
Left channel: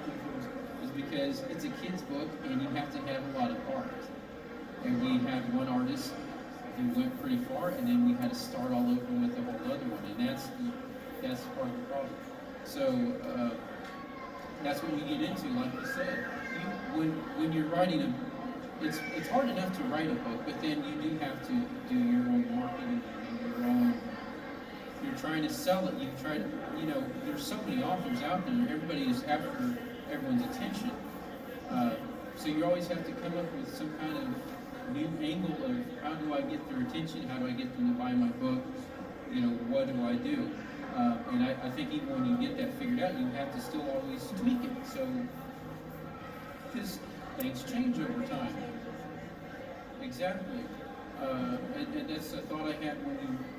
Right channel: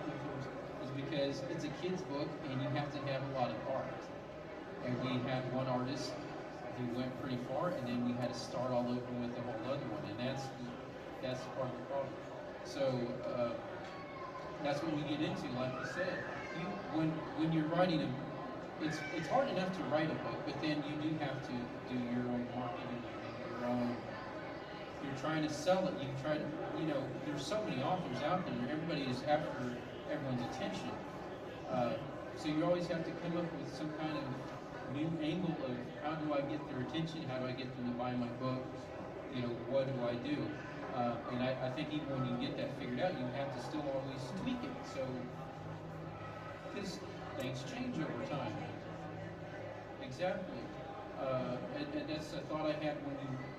is because it's a kid's book and you have to have a lot of art. And we had one artist who went pretty far, and then we had to start all over with a whole other one, and that's part of the problem. So that's what we get into, like you said. When you're writing it's hard enough to write a book, but then you do have to do your own marketing, your own. You're trying to sell it. You try to, there's so many authors out there. Everybody is after everyone's attention. So you always have to come up with some kind of new angle of how do I get their attention? How do I get them to buy my book? What do I do? And I think even when you get that figured out, you have to still always tweak it. So, because things change over time. Exactly. And that's a thought I had when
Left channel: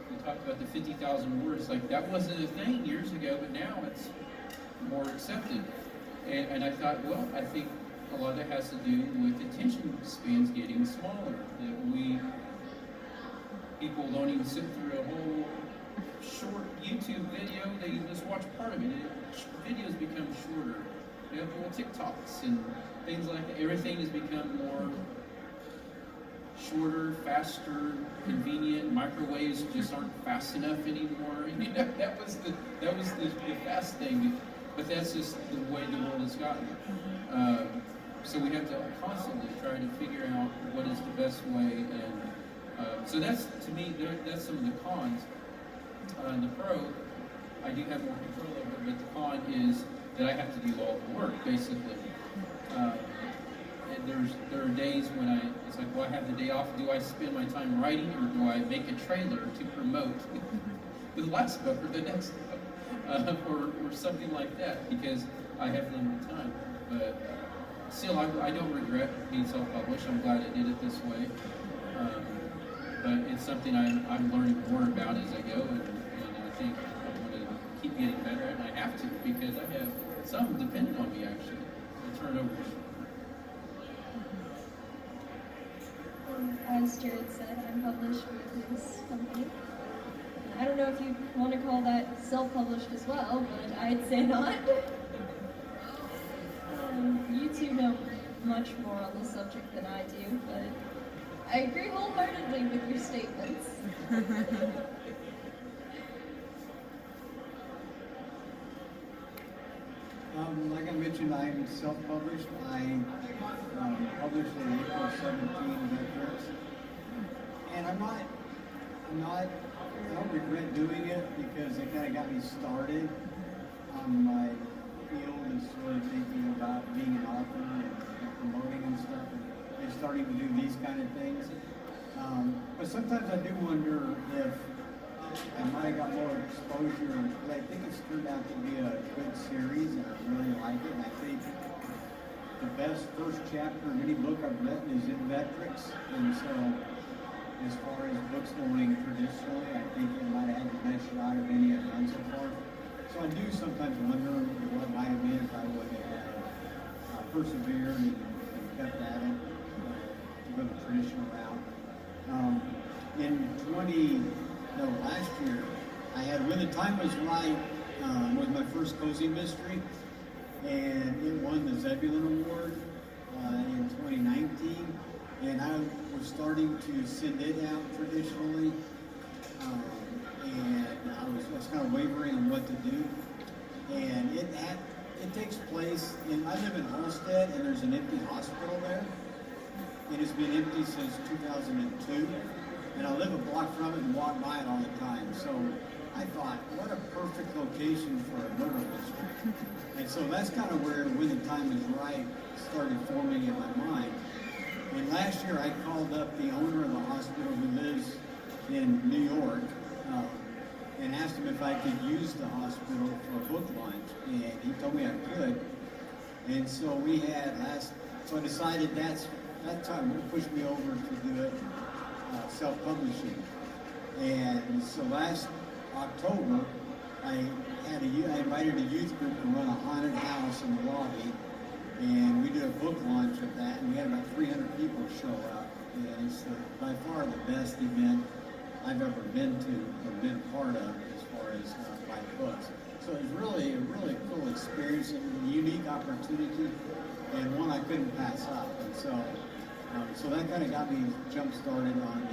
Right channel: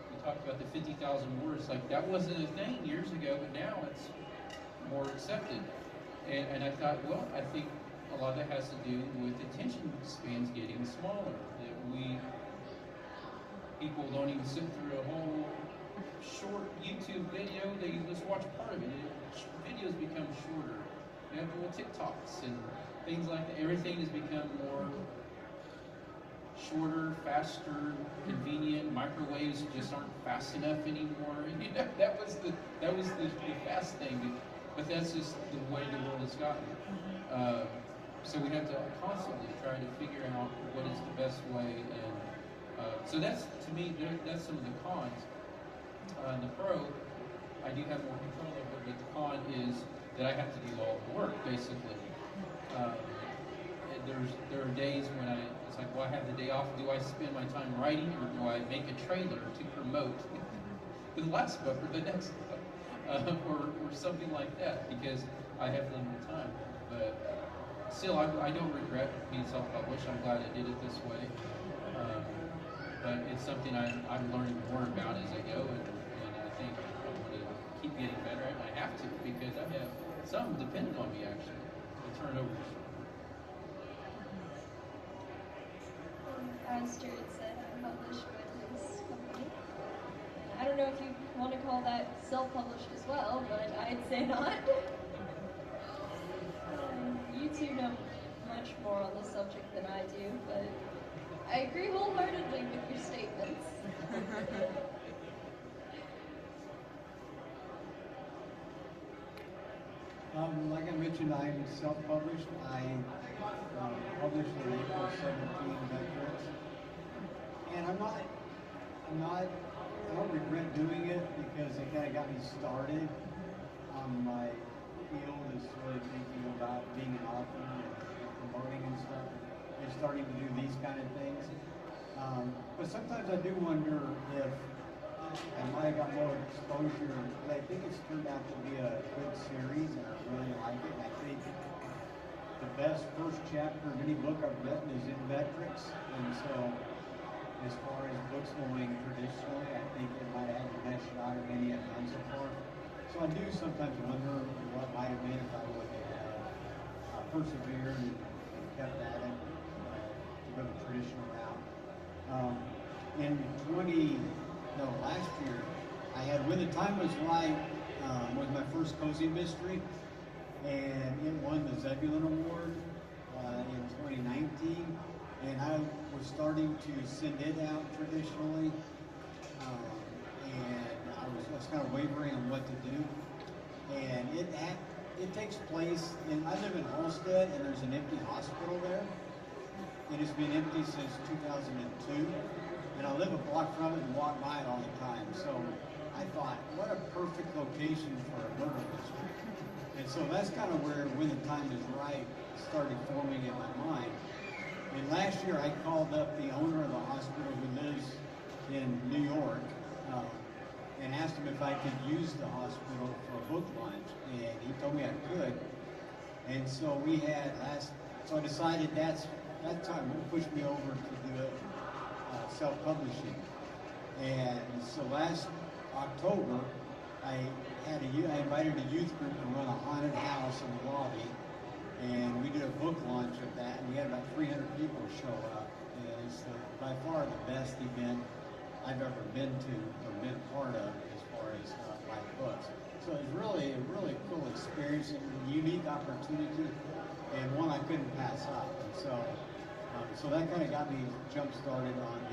we talked about the 50,000 words. Like, that wasn't a thing years ago, but now it's more accepted. And I thought, well, I think a lot of that has to do with attention spans getting smaller. That people don't even sit through a whole short YouTube video, they just watch part of it. Videos become shorter. You have little TikToks and things like that. Everything has become more shorter, faster, convenient. Microwaves just aren't fast enough anymore. That was the fast thing. But that's just the way the world has gotten. So we have to constantly try to figure out what is the best way. And so that's, to me, that's some of the cons. In the pro, I I do have more control over it, but the con is that I have to do all the work, basically. And there are days when it's like, well, I have the day off. Do I spend my time writing, or do I make a trailer to promote the last book or the next book, or something like that? Because I have limited time. But still, I don't regret being self-published. I'm glad I did it this way. But it's something I'm learning more about as I go, and I think I want to keep getting better at it, and I have to, because I have some dependent on me, actually. The turnover. As Jared said, I'm published with his company. I don't know if you want to call that self-published as well, but I'd say not. You two know much more on this subject than I do, but I agree wholeheartedly with your statements. Like I mentioned, I'm self-published. I published in April 17 Veterans. And I don't regret doing it because it kind of got me started on my field is really thinking about being an author and promoting and stuff and starting to do these kind of things. But sometimes I do wonder if I might have got more exposure, but I think it's turned out to be a good series, and I really like it. And I think the best first chapter of any book I've written is in Veterans, and so as far as books going traditionally, I think it might have had the best shot of any I've done so far. So I do sometimes wonder what might have been if I would have persevered and kept at it, to go the traditional route. Last year, I had When the Time Was Right, was my first cozy mystery, and it won the Zebulon Award in 2019, and I was starting to send it out traditionally, and I was kind of wavering on what to do, and it takes place I live in Halstead, and there's an empty hospital there, and it's been empty since 2002. And I live a block from it and walk by it all the time. So I thought, what a perfect location for a murder mystery. And so that's kind of where When the Time Is Right started forming in my mind. And last year I called up the owner of the hospital who lives in New York and asked him if I could use the hospital for a book launch. And he told me I could. And so so I decided that time would push me over to do it self-publishing. And so last October, I invited a youth group to run a haunted house in the lobby, and we did a book launch of that, and we had about 300 people show up. And it's by far the best event I've ever been to or been part of as far as my books. So it was really a really cool experience and a unique opportunity, and one I couldn't pass up. And so that kind of got me jump-started on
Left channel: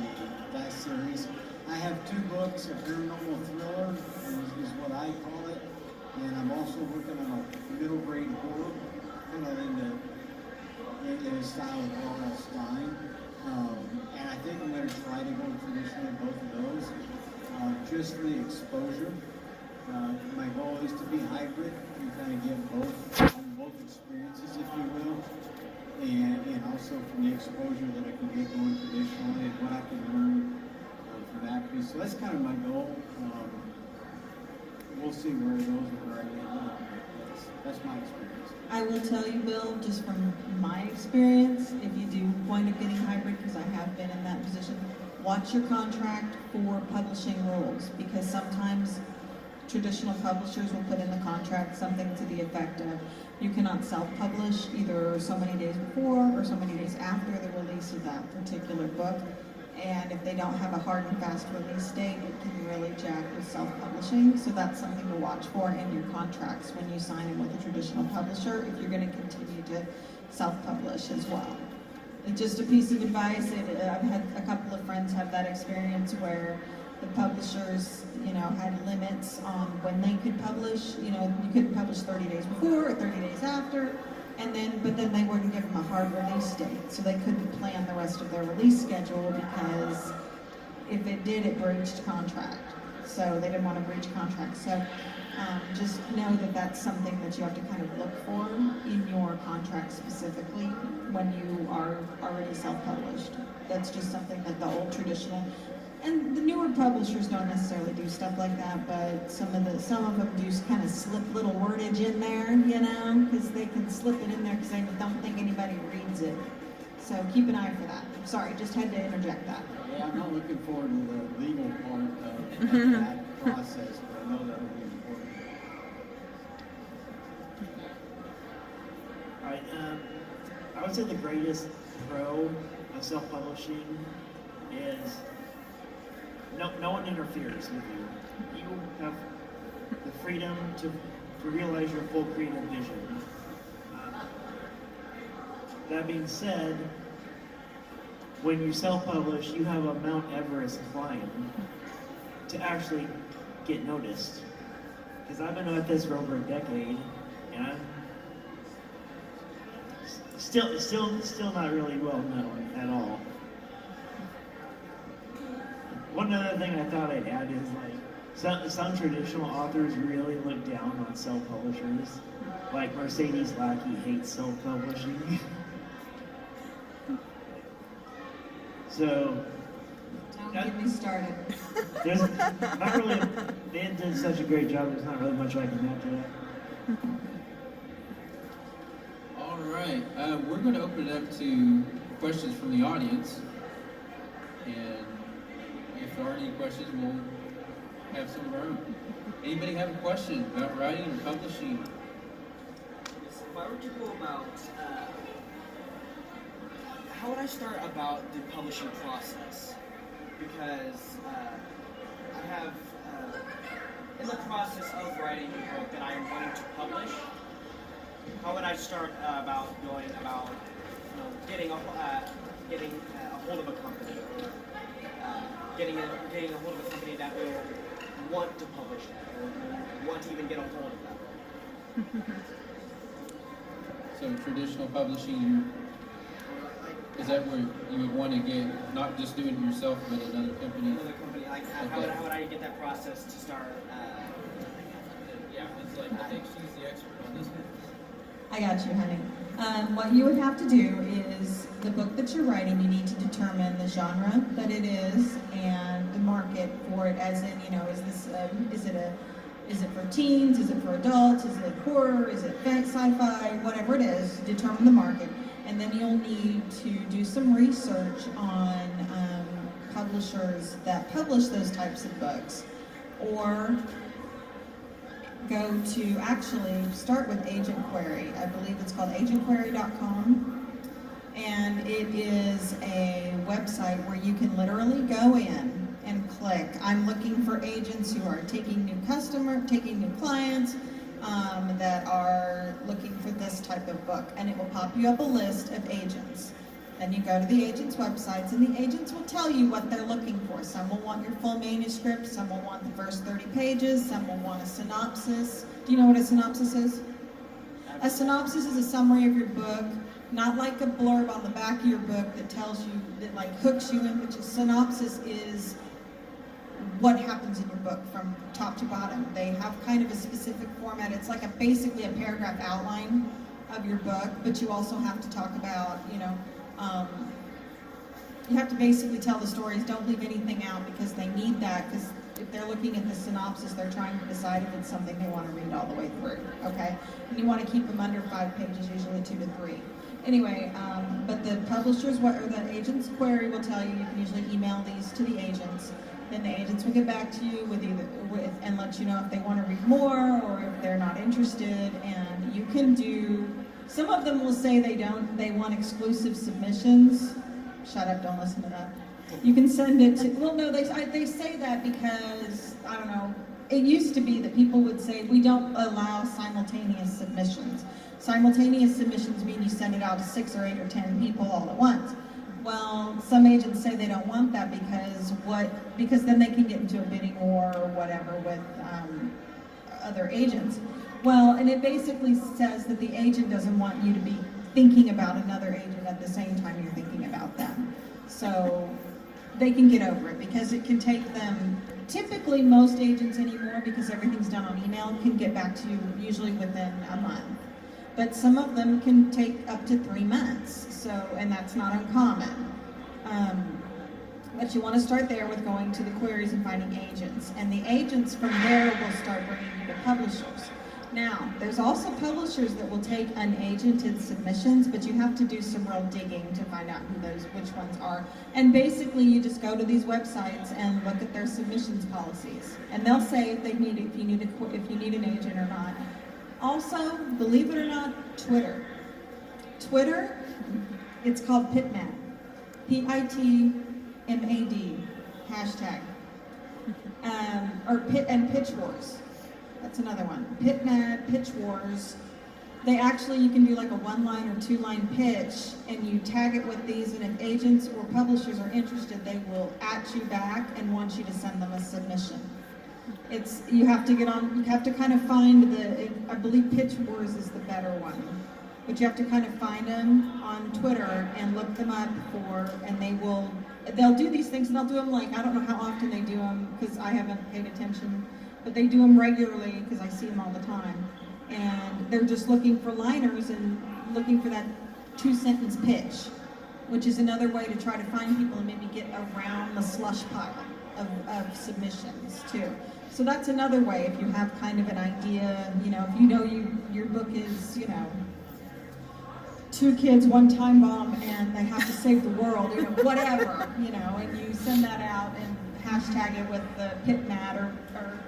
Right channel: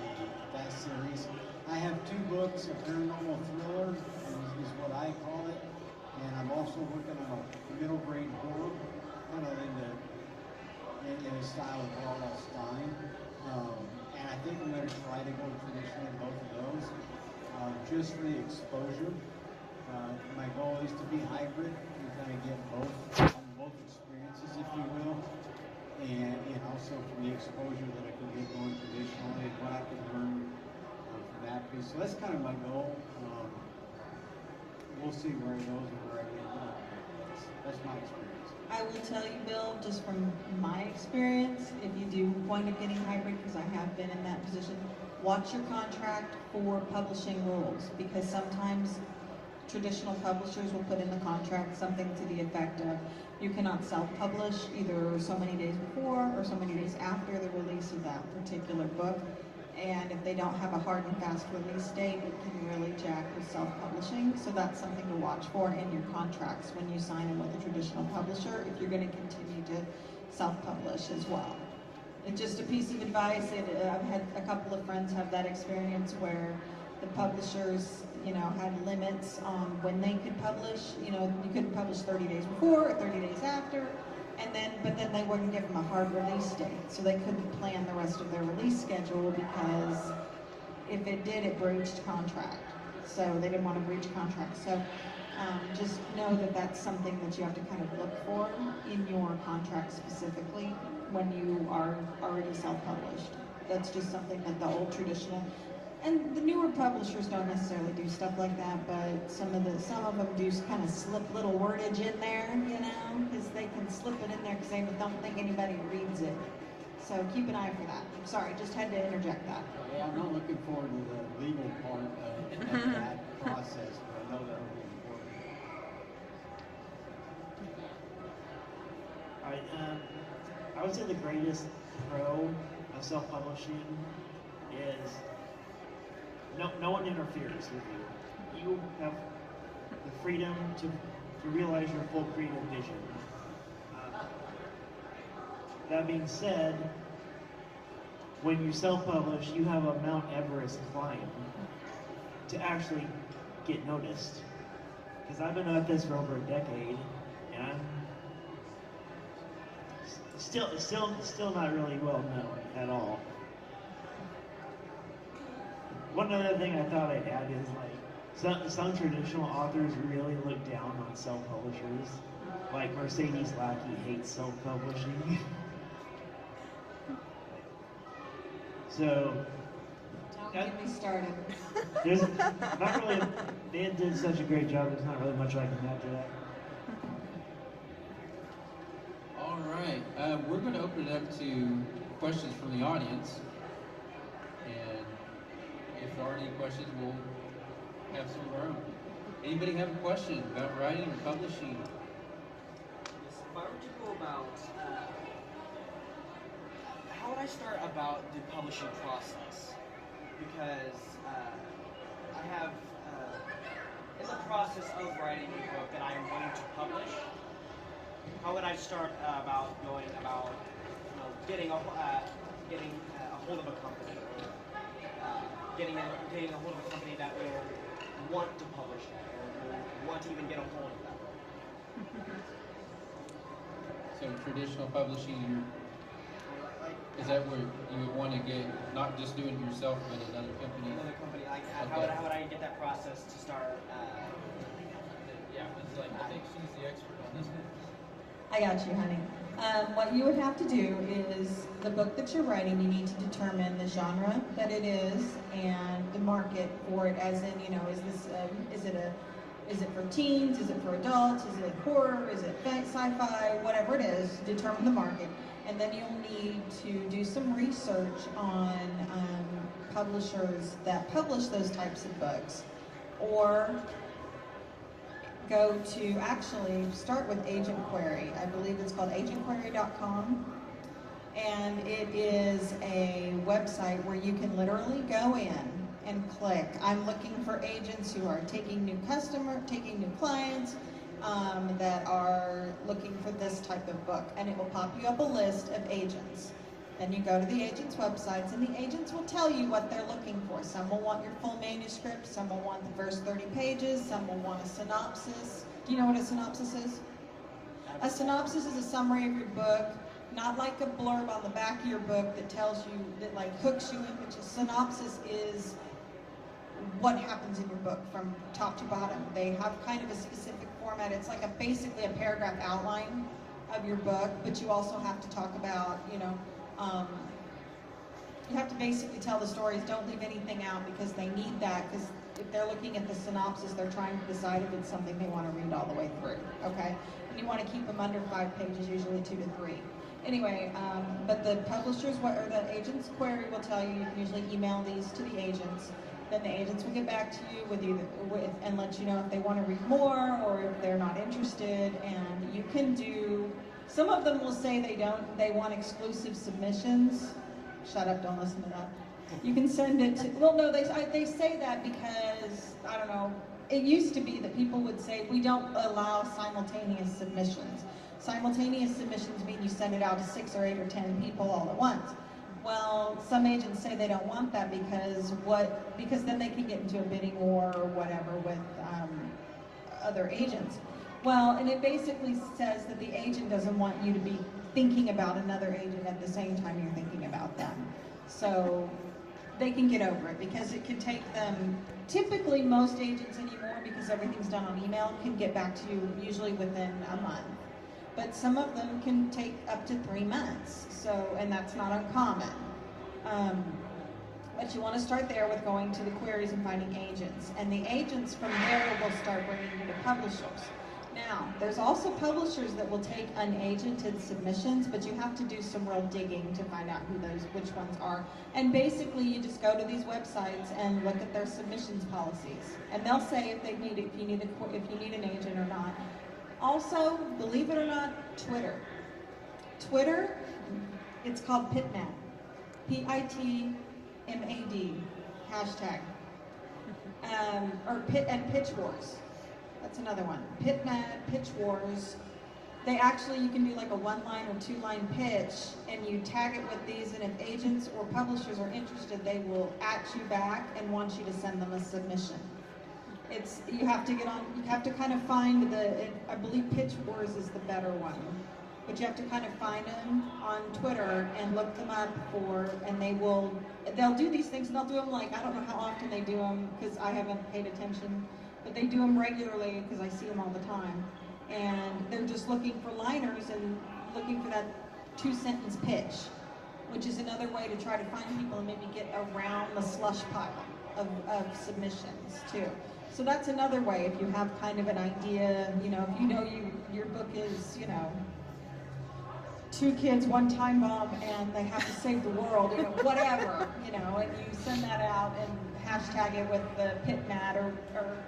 that series. I have 2 books, a paranormal thriller is what I call it, and I'm also working on a middle grade horror, kind of in the style of R.L. Stein. And I think I'm going to try to go traditionally both of those, just for the exposure. My goal is to be hybrid and kind of get both experiences, if you will. And also from the exposure that I can get going traditionally and what I can learn from that piece. So that's kind of my goal. We'll see where it goes and where I end up. That's my experience. I will tell you, Bill, just from my experience, if you do wind up getting hybrid, because I have been in that position, watch your contract for publishing rules, because sometimes traditional publishers will put in the contract something to the effect of you cannot self-publish either so many days before or so many days after the release of that particular book. And if they don't have a hard and fast release date, it can really jack with self-publishing. So that's something to watch for in your contracts when you sign in with a traditional publisher, if you're going to continue to self-publish as well. It's just a piece of advice. I've had a couple of friends have that experience where the publishers, had limits on when they could publish. You couldn't publish 30 days before or 30 days after, but then they wouldn't give them a hard release date, so they couldn't plan the rest of their release schedule because if it did, it breached contract. So they didn't want to breach contract. So Just know that that's something that you have to kind of look for in your contract specifically when you are already self-published. That's just something that the old traditional, and the newer publishers don't necessarily do stuff like that, but some of them do kind of slip little wordage in there, you know, because they can slip it in there because they don't think anybody reads it. So keep an eye for that. Sorry, just had to interject that. Yeah, I'm not looking forward to the legal part of that process, but I know that will be important. All right, I would say the greatest pro of self-publishing is no one interferes with you. You have the freedom to realize your full creative vision. That being said, when you self-publish, you have a Mount Everest climb to actually get noticed. Because I've been at this for over a decade, and I'm still not really well known at all. One other thing I thought I'd add is some traditional authors really look down on self-publishers. Like Mercedes Lackey hates self-publishing. So Don't get me started. there's not really, they did such a great job, there's not really much I can add to that. All right, we're going to open it up to questions from the audience, and if there are any questions, we'll have some of our own. Anybody have a question about writing and publishing? If I were to go about, how would I start about the publishing process? Because I have, in the process of writing a book that I am wanting to publish, how would I start about going about, getting a hold of a company, or getting a hold of a company that will want to publish that, or will want to even get a hold of that? So traditional publishing, is that where you would want to get, not just doing it yourself, but another company? Another company, like Okay. how would I get that process to start? Yeah, it's like, I think she's the expert on this one. I got you, honey. What you would have to do is the book that you're writing, you need to determine the genre that it is and the market for it, as in, is it for teens, is it for adults, is it horror, is it sci-fi, whatever it is, determine the market. And then you'll need to do some research on publishers that publish those types of books, or go to actually start with Agent Query. I believe it's called agentquery.com, and it is a website where you can literally go in and click, I'm looking for agents who are taking new clients, that are looking for this type of book, and it will pop you up a list of agents. Then you go to the agents' websites, and the agents will tell you what they're looking for. Some will want your full manuscript, some will want the first 30 pages, some will want a synopsis. Do you know what a synopsis is? A synopsis is a summary of your book, not like a blurb on the back of your book that tells you, that like hooks you in, which a synopsis is what happens in your book from top to bottom. They have kind of a specific format. It's like basically a paragraph outline of your book, but you also have to talk about, you have to basically tell the stories. Don't leave anything out, because they need that, because if they're looking at the synopsis, they're trying to decide if it's something they want to read all the way through, okay? And you want to keep them under 5 pages, usually 2 to 3. Anyway, but the publishers, or the agent's query will tell you, you can usually email these to the agents. Then the agents will get back to you and let you know if they want to read more or if they're not interested. And you can do, some of them will say they want exclusive submissions. Shut up, don't listen to that. You can send it to, well, no, they say that because, I don't know, it used to be that people would say, we don't allow simultaneous submissions. Simultaneous submissions mean you send it out to 6 or 8 or 10 people all at once. Well, some agents say they don't want that because then they can get into a bidding war or whatever with other agents. Well, and it basically says that the agent doesn't want you to be thinking about another agent at the same time you're thinking about them. So they can get over it because it can take them, typically most agents anymore, because everything's done on email, can get back to you usually within a month. But some of them can take up to 3 months, so, and that's not uncommon. But you want to start there with going to the queries and finding agents. And the agents from there will start bringing you to publishers. Now, there's also publishers that will take unagented submissions, but you have to do some real digging to find out which ones are. And basically, you just go to these websites and look at their submissions policies, and they'll say if you need an agent or not. Also, believe it or not, Twitter, it's called PitMad, PITMAD hashtag, and Pitch Wars. That's another one. PitMad, Pitch Wars. You can do like a 1-line or 2-line pitch, and you tag it with these, and if agents or publishers are interested, they will at you back and want you to send them a submission. You have to kind of find I believe Pitch Wars is the better one. But you have to kind of find them on Twitter and look them up and they'll do these things, and they'll do them like, I don't know how often they do them because I haven't paid attention. But they do them regularly because I see them all the time. And they're just looking for liners and looking for that 2-sentence pitch, which is another way to try to find people and maybe get around the slush pile of submissions too. So that's another way if you have kind of an idea, if your book is, 2 kids, 1 time bomb, and they have to save the world, whatever, and you send that out and hashtag it with the PitMad or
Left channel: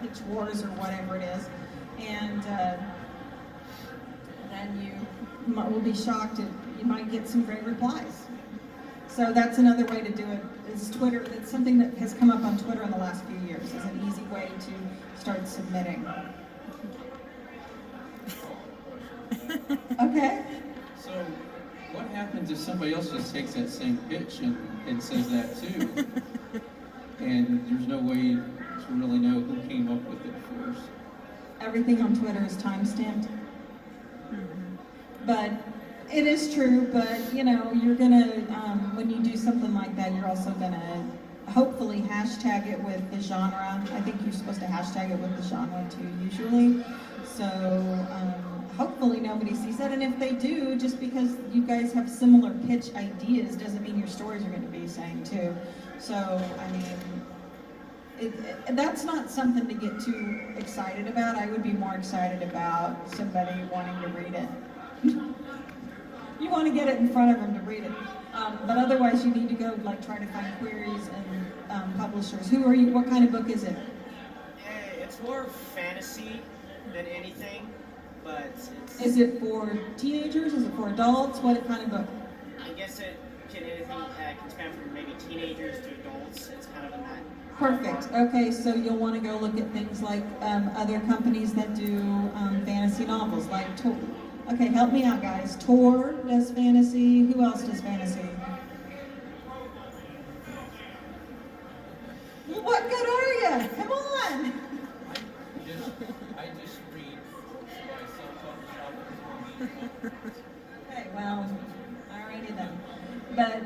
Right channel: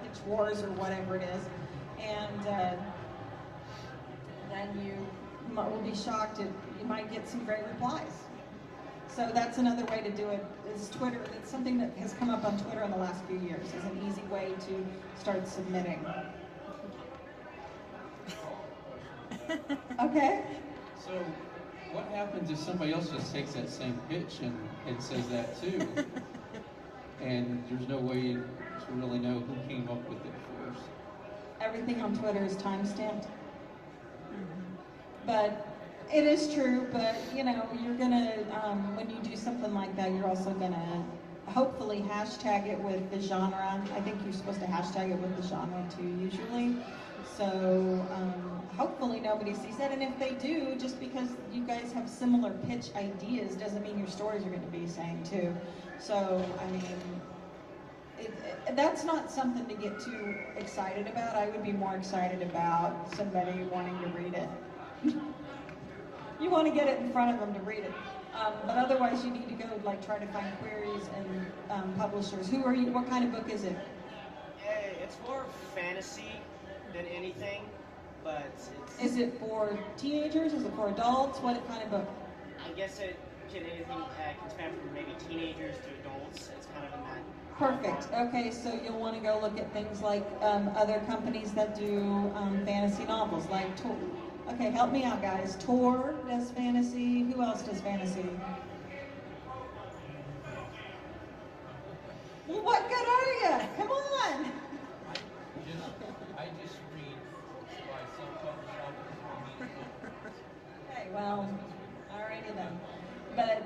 Pitch Wars or whatever it is, and then you will be shocked. You might get some great replies. So that's another way to do it, is Twitter. It's something that has come up on Twitter in the last few years as an easy way to start submitting. Okay? So, what happens if somebody else just takes that same pitch and says that too? And there's no way to really know who came up with it first. Everything on Twitter is time-stamped. But it is true, but you're gonna, when you do something like that, you're also gonna hopefully hashtag it with the genre. I think you're supposed to hashtag it with the genre too, usually. So hopefully nobody sees that, and if they do, just because you guys have similar pitch ideas doesn't mean your stories are gonna be the same too. So, that's not something to get too excited about. I would be more excited about somebody wanting to read it. You want to get it in front of them to read it. But otherwise, you need to go try to find queries and publishers. Who are you? What kind of book is it? It's more fantasy than anything, but Is it for teenagers? Is it for adults? What kind of book? I guess it can span from maybe teenagers to adults. It's kind of in that. Perfect. Okay, so you'll want to go look at things like other companies that do fantasy novels, like Tor. Okay, help me out, guys. Tor does fantasy. Who else does fantasy? What good are you? Come on. I just read by self-published. Okay, well, alrighty then. But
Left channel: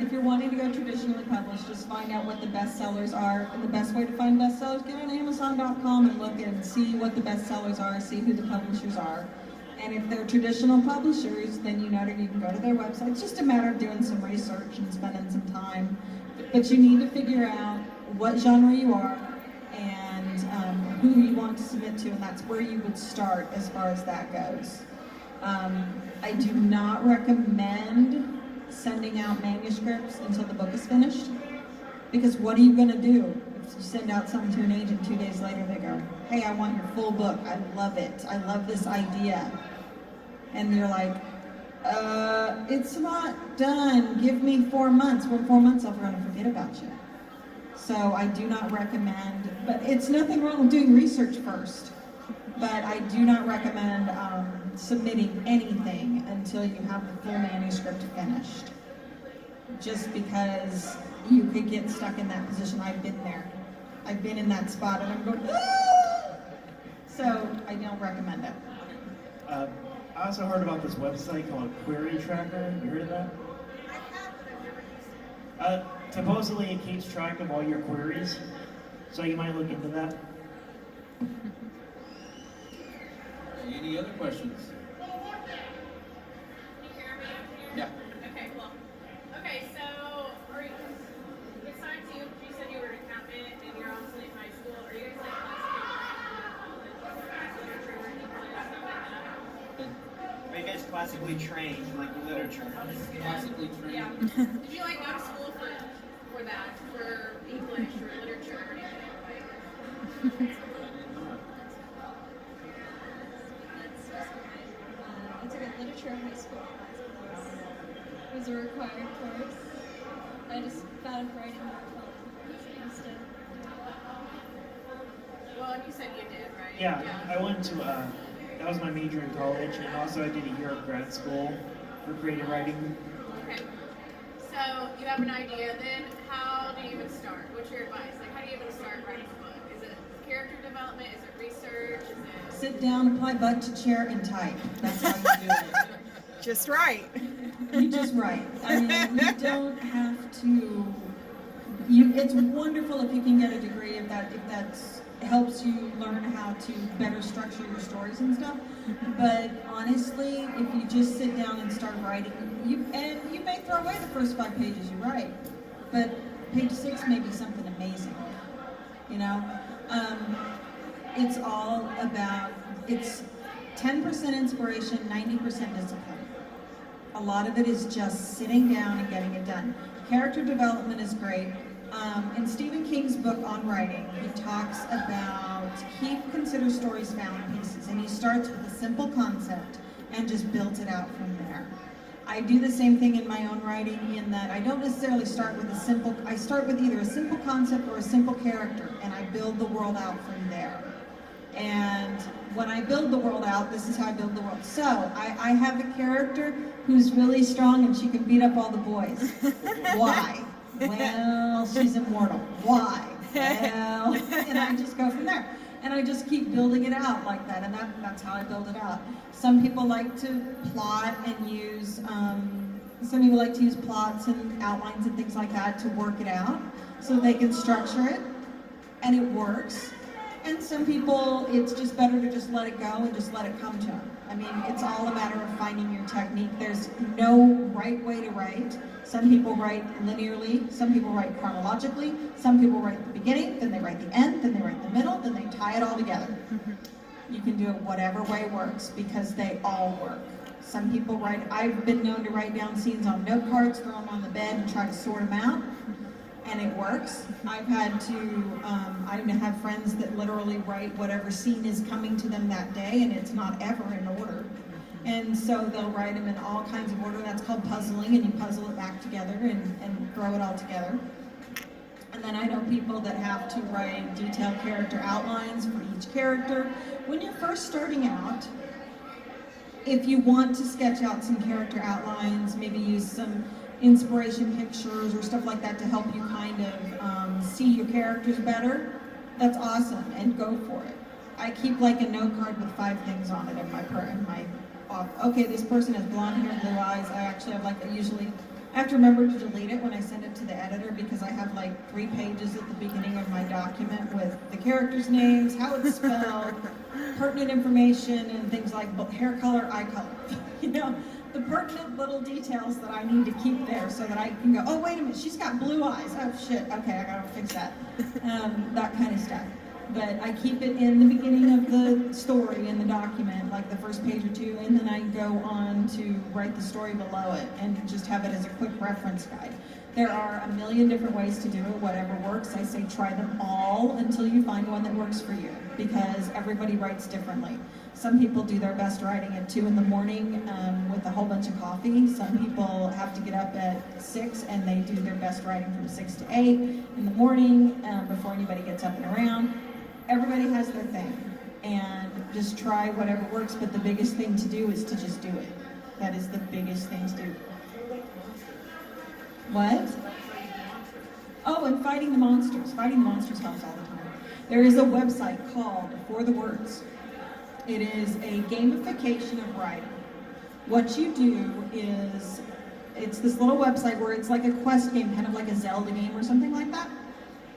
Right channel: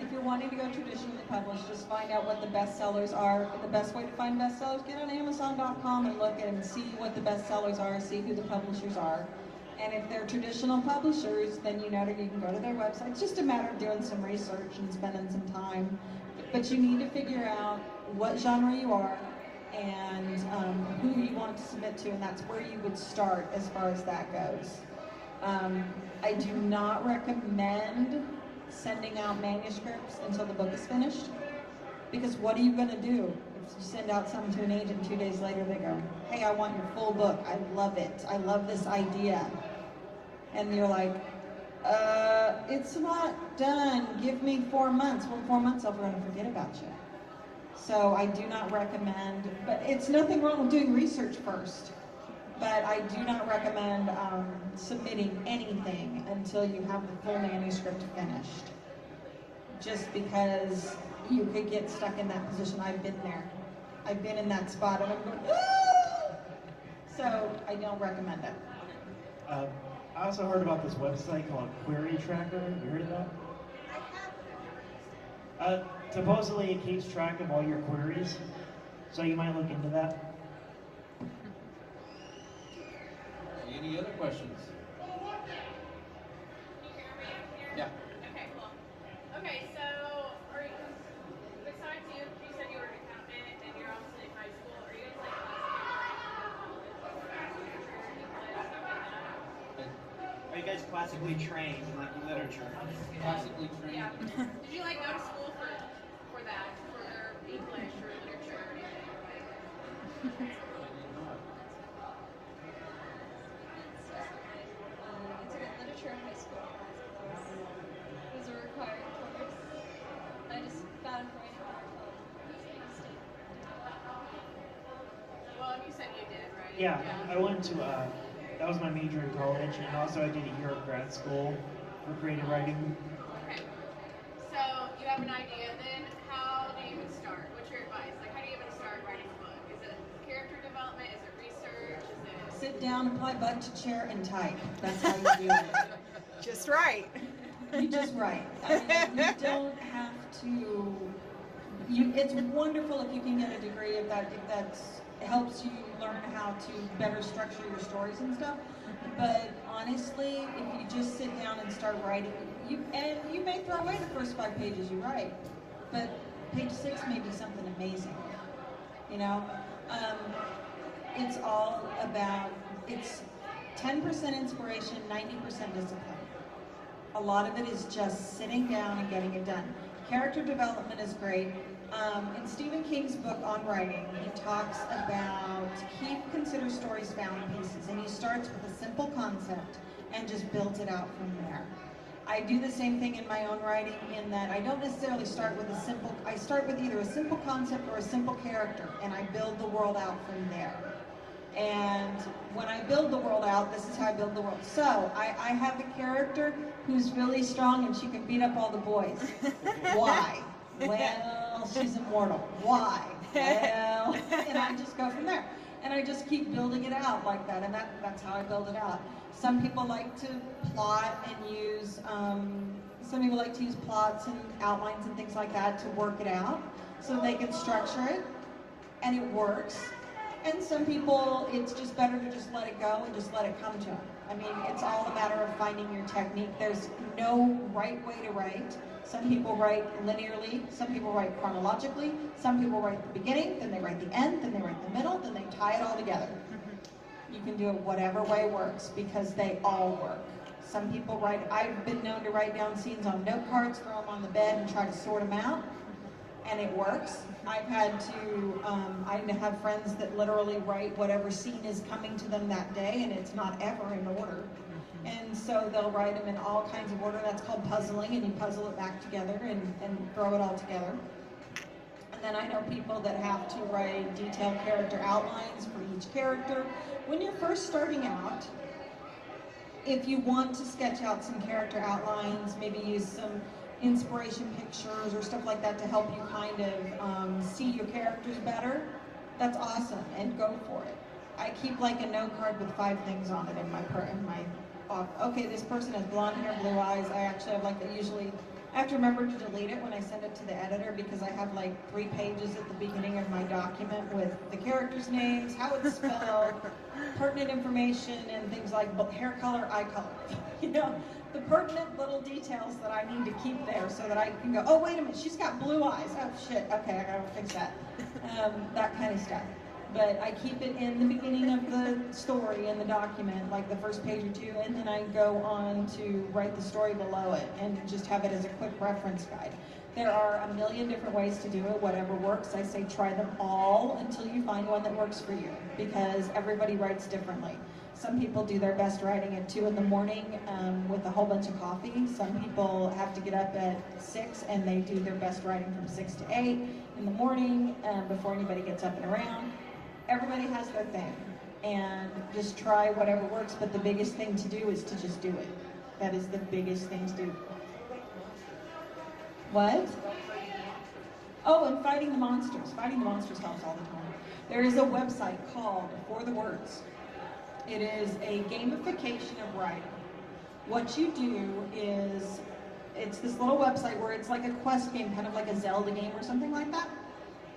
if you're wanting to go traditionally published, just find out what the bestsellers are. And the best way to find bestsellers, get on Amazon.com and look and see what the bestsellers are, see who the publishers are. And if they're traditional publishers, then you can go to their website. It's just a matter of doing some research and spending some time. But you need to figure out what genre you are and who you want to submit to, and that's where you would start as far as that goes. I do not recommend sending out manuscripts until the book is finished, because what are you going to do if you send out something to an agent 2 days later? They go, hey, I want your full book, I love it, I love this idea, and you're like, it's not done, give me 4 months. Well, 4 months I'll run and forget about you. So I do not recommend, but it's nothing wrong with doing research first, but I do not recommend submitting anything until you have the full manuscript finished. Just because you could get stuck in that position. I've been there. I've been in that spot and I'm going, ah! So I don't recommend it. I also heard about this website called Query Tracker. Have you heard of that? I have, but I've never used it. Supposedly it keeps track of all your queries, so you might look into that. Any other questions? Can you hear me? Yeah. Okay, cool. Okay, so are you, besides you said you were an accountant and you're obviously in high school, are you guys Are you guys classically trained in like literature? Classically trained. Yeah. Did you like go to school for that, for English or literature or anything? I did not. I took a literature high school class. It was a required course. I just found writing more fun instead. Well, you said you did, right? Yeah, I went to, that was my major in college, and also I did a year of grad school for creative writing. Okay. So you have an idea, then how do you even start? What's your advice? Like, how do you even start writing a book? Is it character development? Is it research? Is it... Sit down, apply butt to chair, and type. That's how you do it. Just right. You just write. I mean, you don't have to. It's wonderful if you can get a degree if that helps you learn how to better structure your stories and stuff. But honestly, if you just sit down and start writing, you may throw away the first 5 pages you write, but page 6 may be something amazing. You know, it's all about, it's 10% inspiration, 90% discipline. A lot of it is just sitting down and getting it done. Character development is great. In Stephen King's book on writing, he talks about, he considers stories found pieces, and he starts with a simple concept and just builds it out from there. I do the same thing in my own writing in that I don't necessarily start with I start with either a simple concept or a simple character, and I build the world out from there. And when I build the world out, this is how I build the world. So I have a character who's really strong and she can beat up all the boys. Why? Well, she's immortal. Why? Well, and I just go from there. And I just keep building it out like that, and that's how I build it out. Some people like to plot and use, some people like to use plots and outlines and things like that to work it out so they can structure it, and it works. And some people, it's just better to just let it go and just let it come to them. I mean, it's all a matter of finding your technique. There's no right way to write. Some people write linearly, some people write chronologically, some people write the beginning, then they write the end, then they write the middle, then they tie it all together. You can do it whatever way works because they all work. Some people write, I've been known to write down scenes on note cards, throw them on the bed and try to sort them out. And it works. I've had to, I have friends that literally write whatever scene is coming to them that day, and it's not ever in order. And so they'll write them in all kinds of order. That's called puzzling, and you puzzle it back together and throw it all together. And then I know people that have to write detailed character outlines for each character. When you're first starting out, if you want to sketch out some character outlines, maybe use some inspiration pictures or stuff like that to help you kind of see your characters better, that's awesome, and go for it. I keep like a note card with 5 things on it in my okay, this person has blonde hair, blue eyes. I actually have usually, I have to remember to delete it when I send it to the editor because I have like 3 pages at the beginning of my document with the characters' names, how it's spelled, pertinent information, and things like hair color, eye color. You know, the pertinent little details that I need to keep there so that I can go, oh, wait a minute, she's got blue eyes. Oh, shit, okay, I gotta fix that. That kind of stuff. But I keep it in the beginning of the story in the document, like the first page or 2, and then I go on to write the story below it and just have it as a quick reference guide. There are a million different ways to do it, whatever works. I say try them all until you find one that works for you, because everybody writes differently. Some people do their best writing at 2 in the morning with a whole bunch of coffee. Some people have to get up at 6 and they do their best writing from 6 to 8 in the morning before anybody gets up and around. Everybody has their thing, and just try whatever works, but the biggest thing to do is to just do it. That is the biggest thing to do. What? Oh, and fighting the monsters. Fighting the monsters helps all the time. There is a website called For the Words. It is a gamification of writing. What you do is it's this little website where it's like a quest game, kind of like a Zelda game or something like that.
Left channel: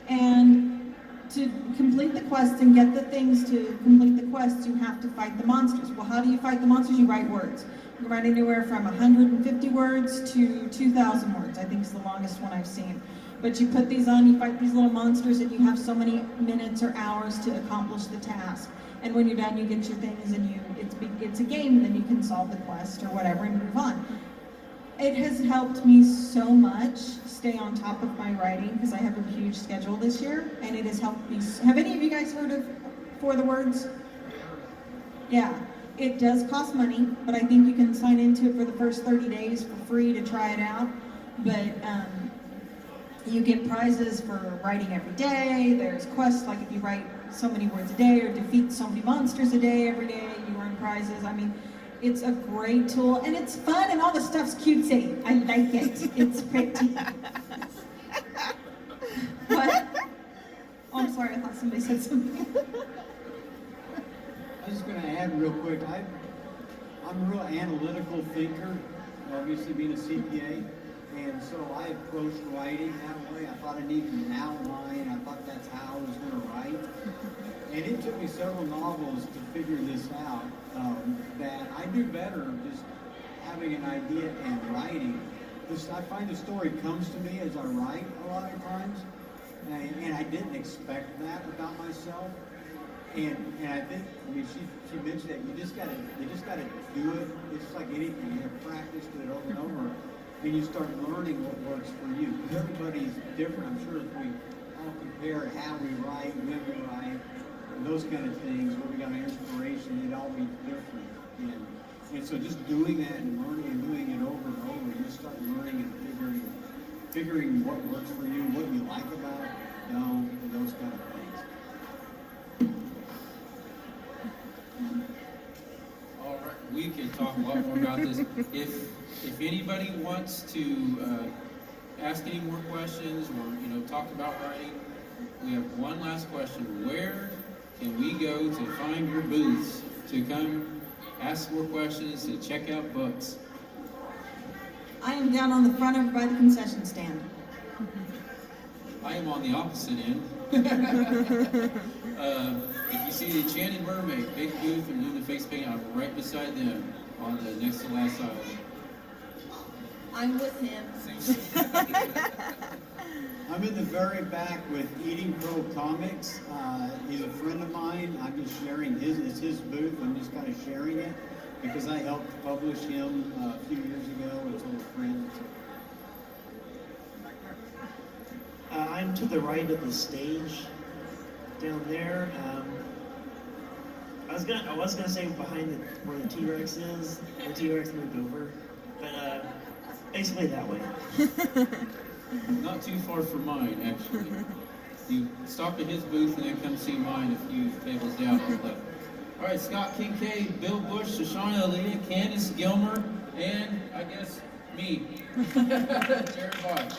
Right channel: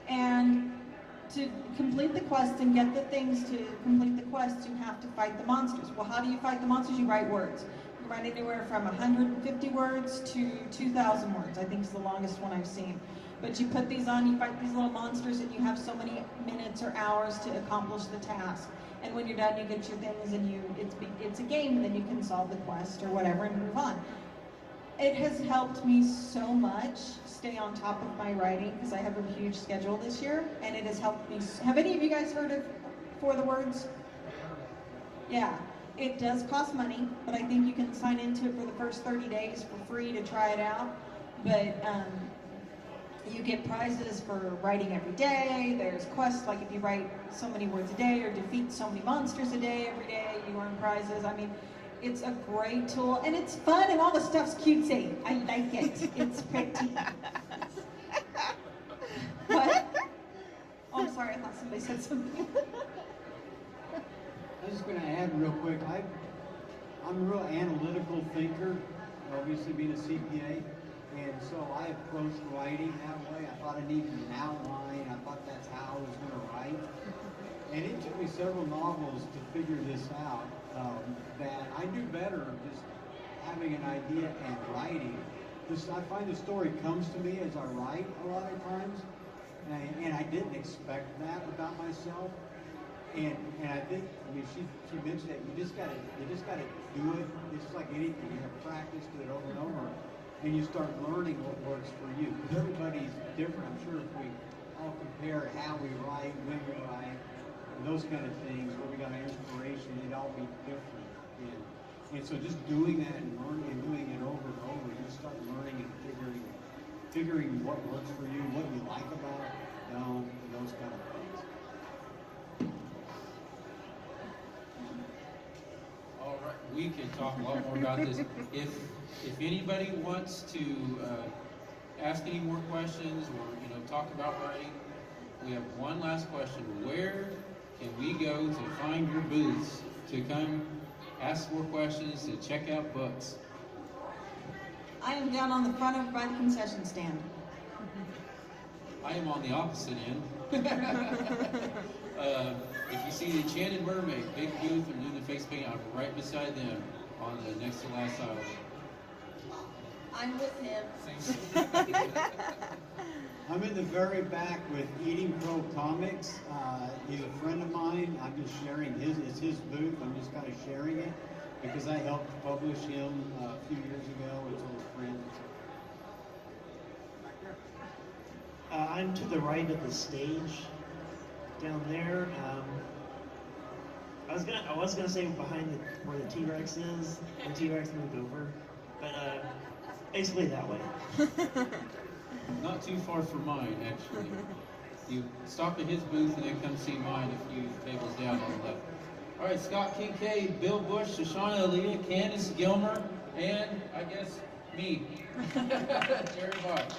And to complete the quests and get the things to complete the quests, you have to fight the monsters. Well, how do you fight the monsters? You write words. You write anywhere from 150 words to 2,000 words, I think is the longest one I've seen. But you put these on, you fight these little monsters, and you have so many minutes or hours to accomplish the task. And when you're done, you get your things, and it's a game, and then you can solve the quest or whatever and move on. It has helped me so much stay on top of my writing because I have a huge schedule this year, and it has helped me. Have any of you guys heard of For the Words? Yeah, it does cost money, but I think you can sign into it for the first 30 days for free to try it out. But you get prizes for writing every day. There's quests, like if you write so many words a day or defeat so many monsters a day every day, you earn prizes. I mean, it's a great tool, and it's fun, and all the stuff's cutesy. I like it. It's pretty. What? Oh, I'm sorry. I thought somebody said something. I was just going to add real quick. I'm a real analytical thinker, obviously being a CPA. And so I approached writing that way. I thought I needed an outline. I thought that's how I was going to write. And it took me several novels to figure this out, that I do better just having an idea and writing. I find the story comes to me as I write a lot of times. And I didn't expect that about myself. And I think, I mean, she mentioned that you just gotta do it. It's like anything. You have practice, do it over and over. And you start learning what works for you. Because everybody's different. I'm sure if we all compare how we write, when we write, and those kind of things, where we got our inspiration, it'd all be different. And so just doing that and learning and doing it over and over, you start learning and figuring what works for you, what you like about it, don't, and those kind of things. All right, we can talk a lot more about this. If anybody wants to ask any more questions or talk about writing, we have one last question. Where can we go to find your booths to come ask more questions, to check out books? I am down on the front over by the concession stand. I am on the opposite end. If you see the Enchanted Mermaid, big booth, and doing the face paint, I'm right beside them on the next to last aisle. I'm with him. I'm in the very back with Eating Crow Comics. He's a friend of mine. I'm just sharing it's his booth. I'm just kind of sharing it because I helped publish him a few years ago with some friends. I'm to the right of the stage down there. I was gonna say behind where the T-Rex is. The T-Rex moved over, but basically that way. Not too far from mine, actually. You stop at his booth and then come see mine a few tables down on the left. All right, Scott Kinkade, Bill Bush, Shoshanna Aaliyah, Candice Gilmer, and I guess me, Jared Vaughn.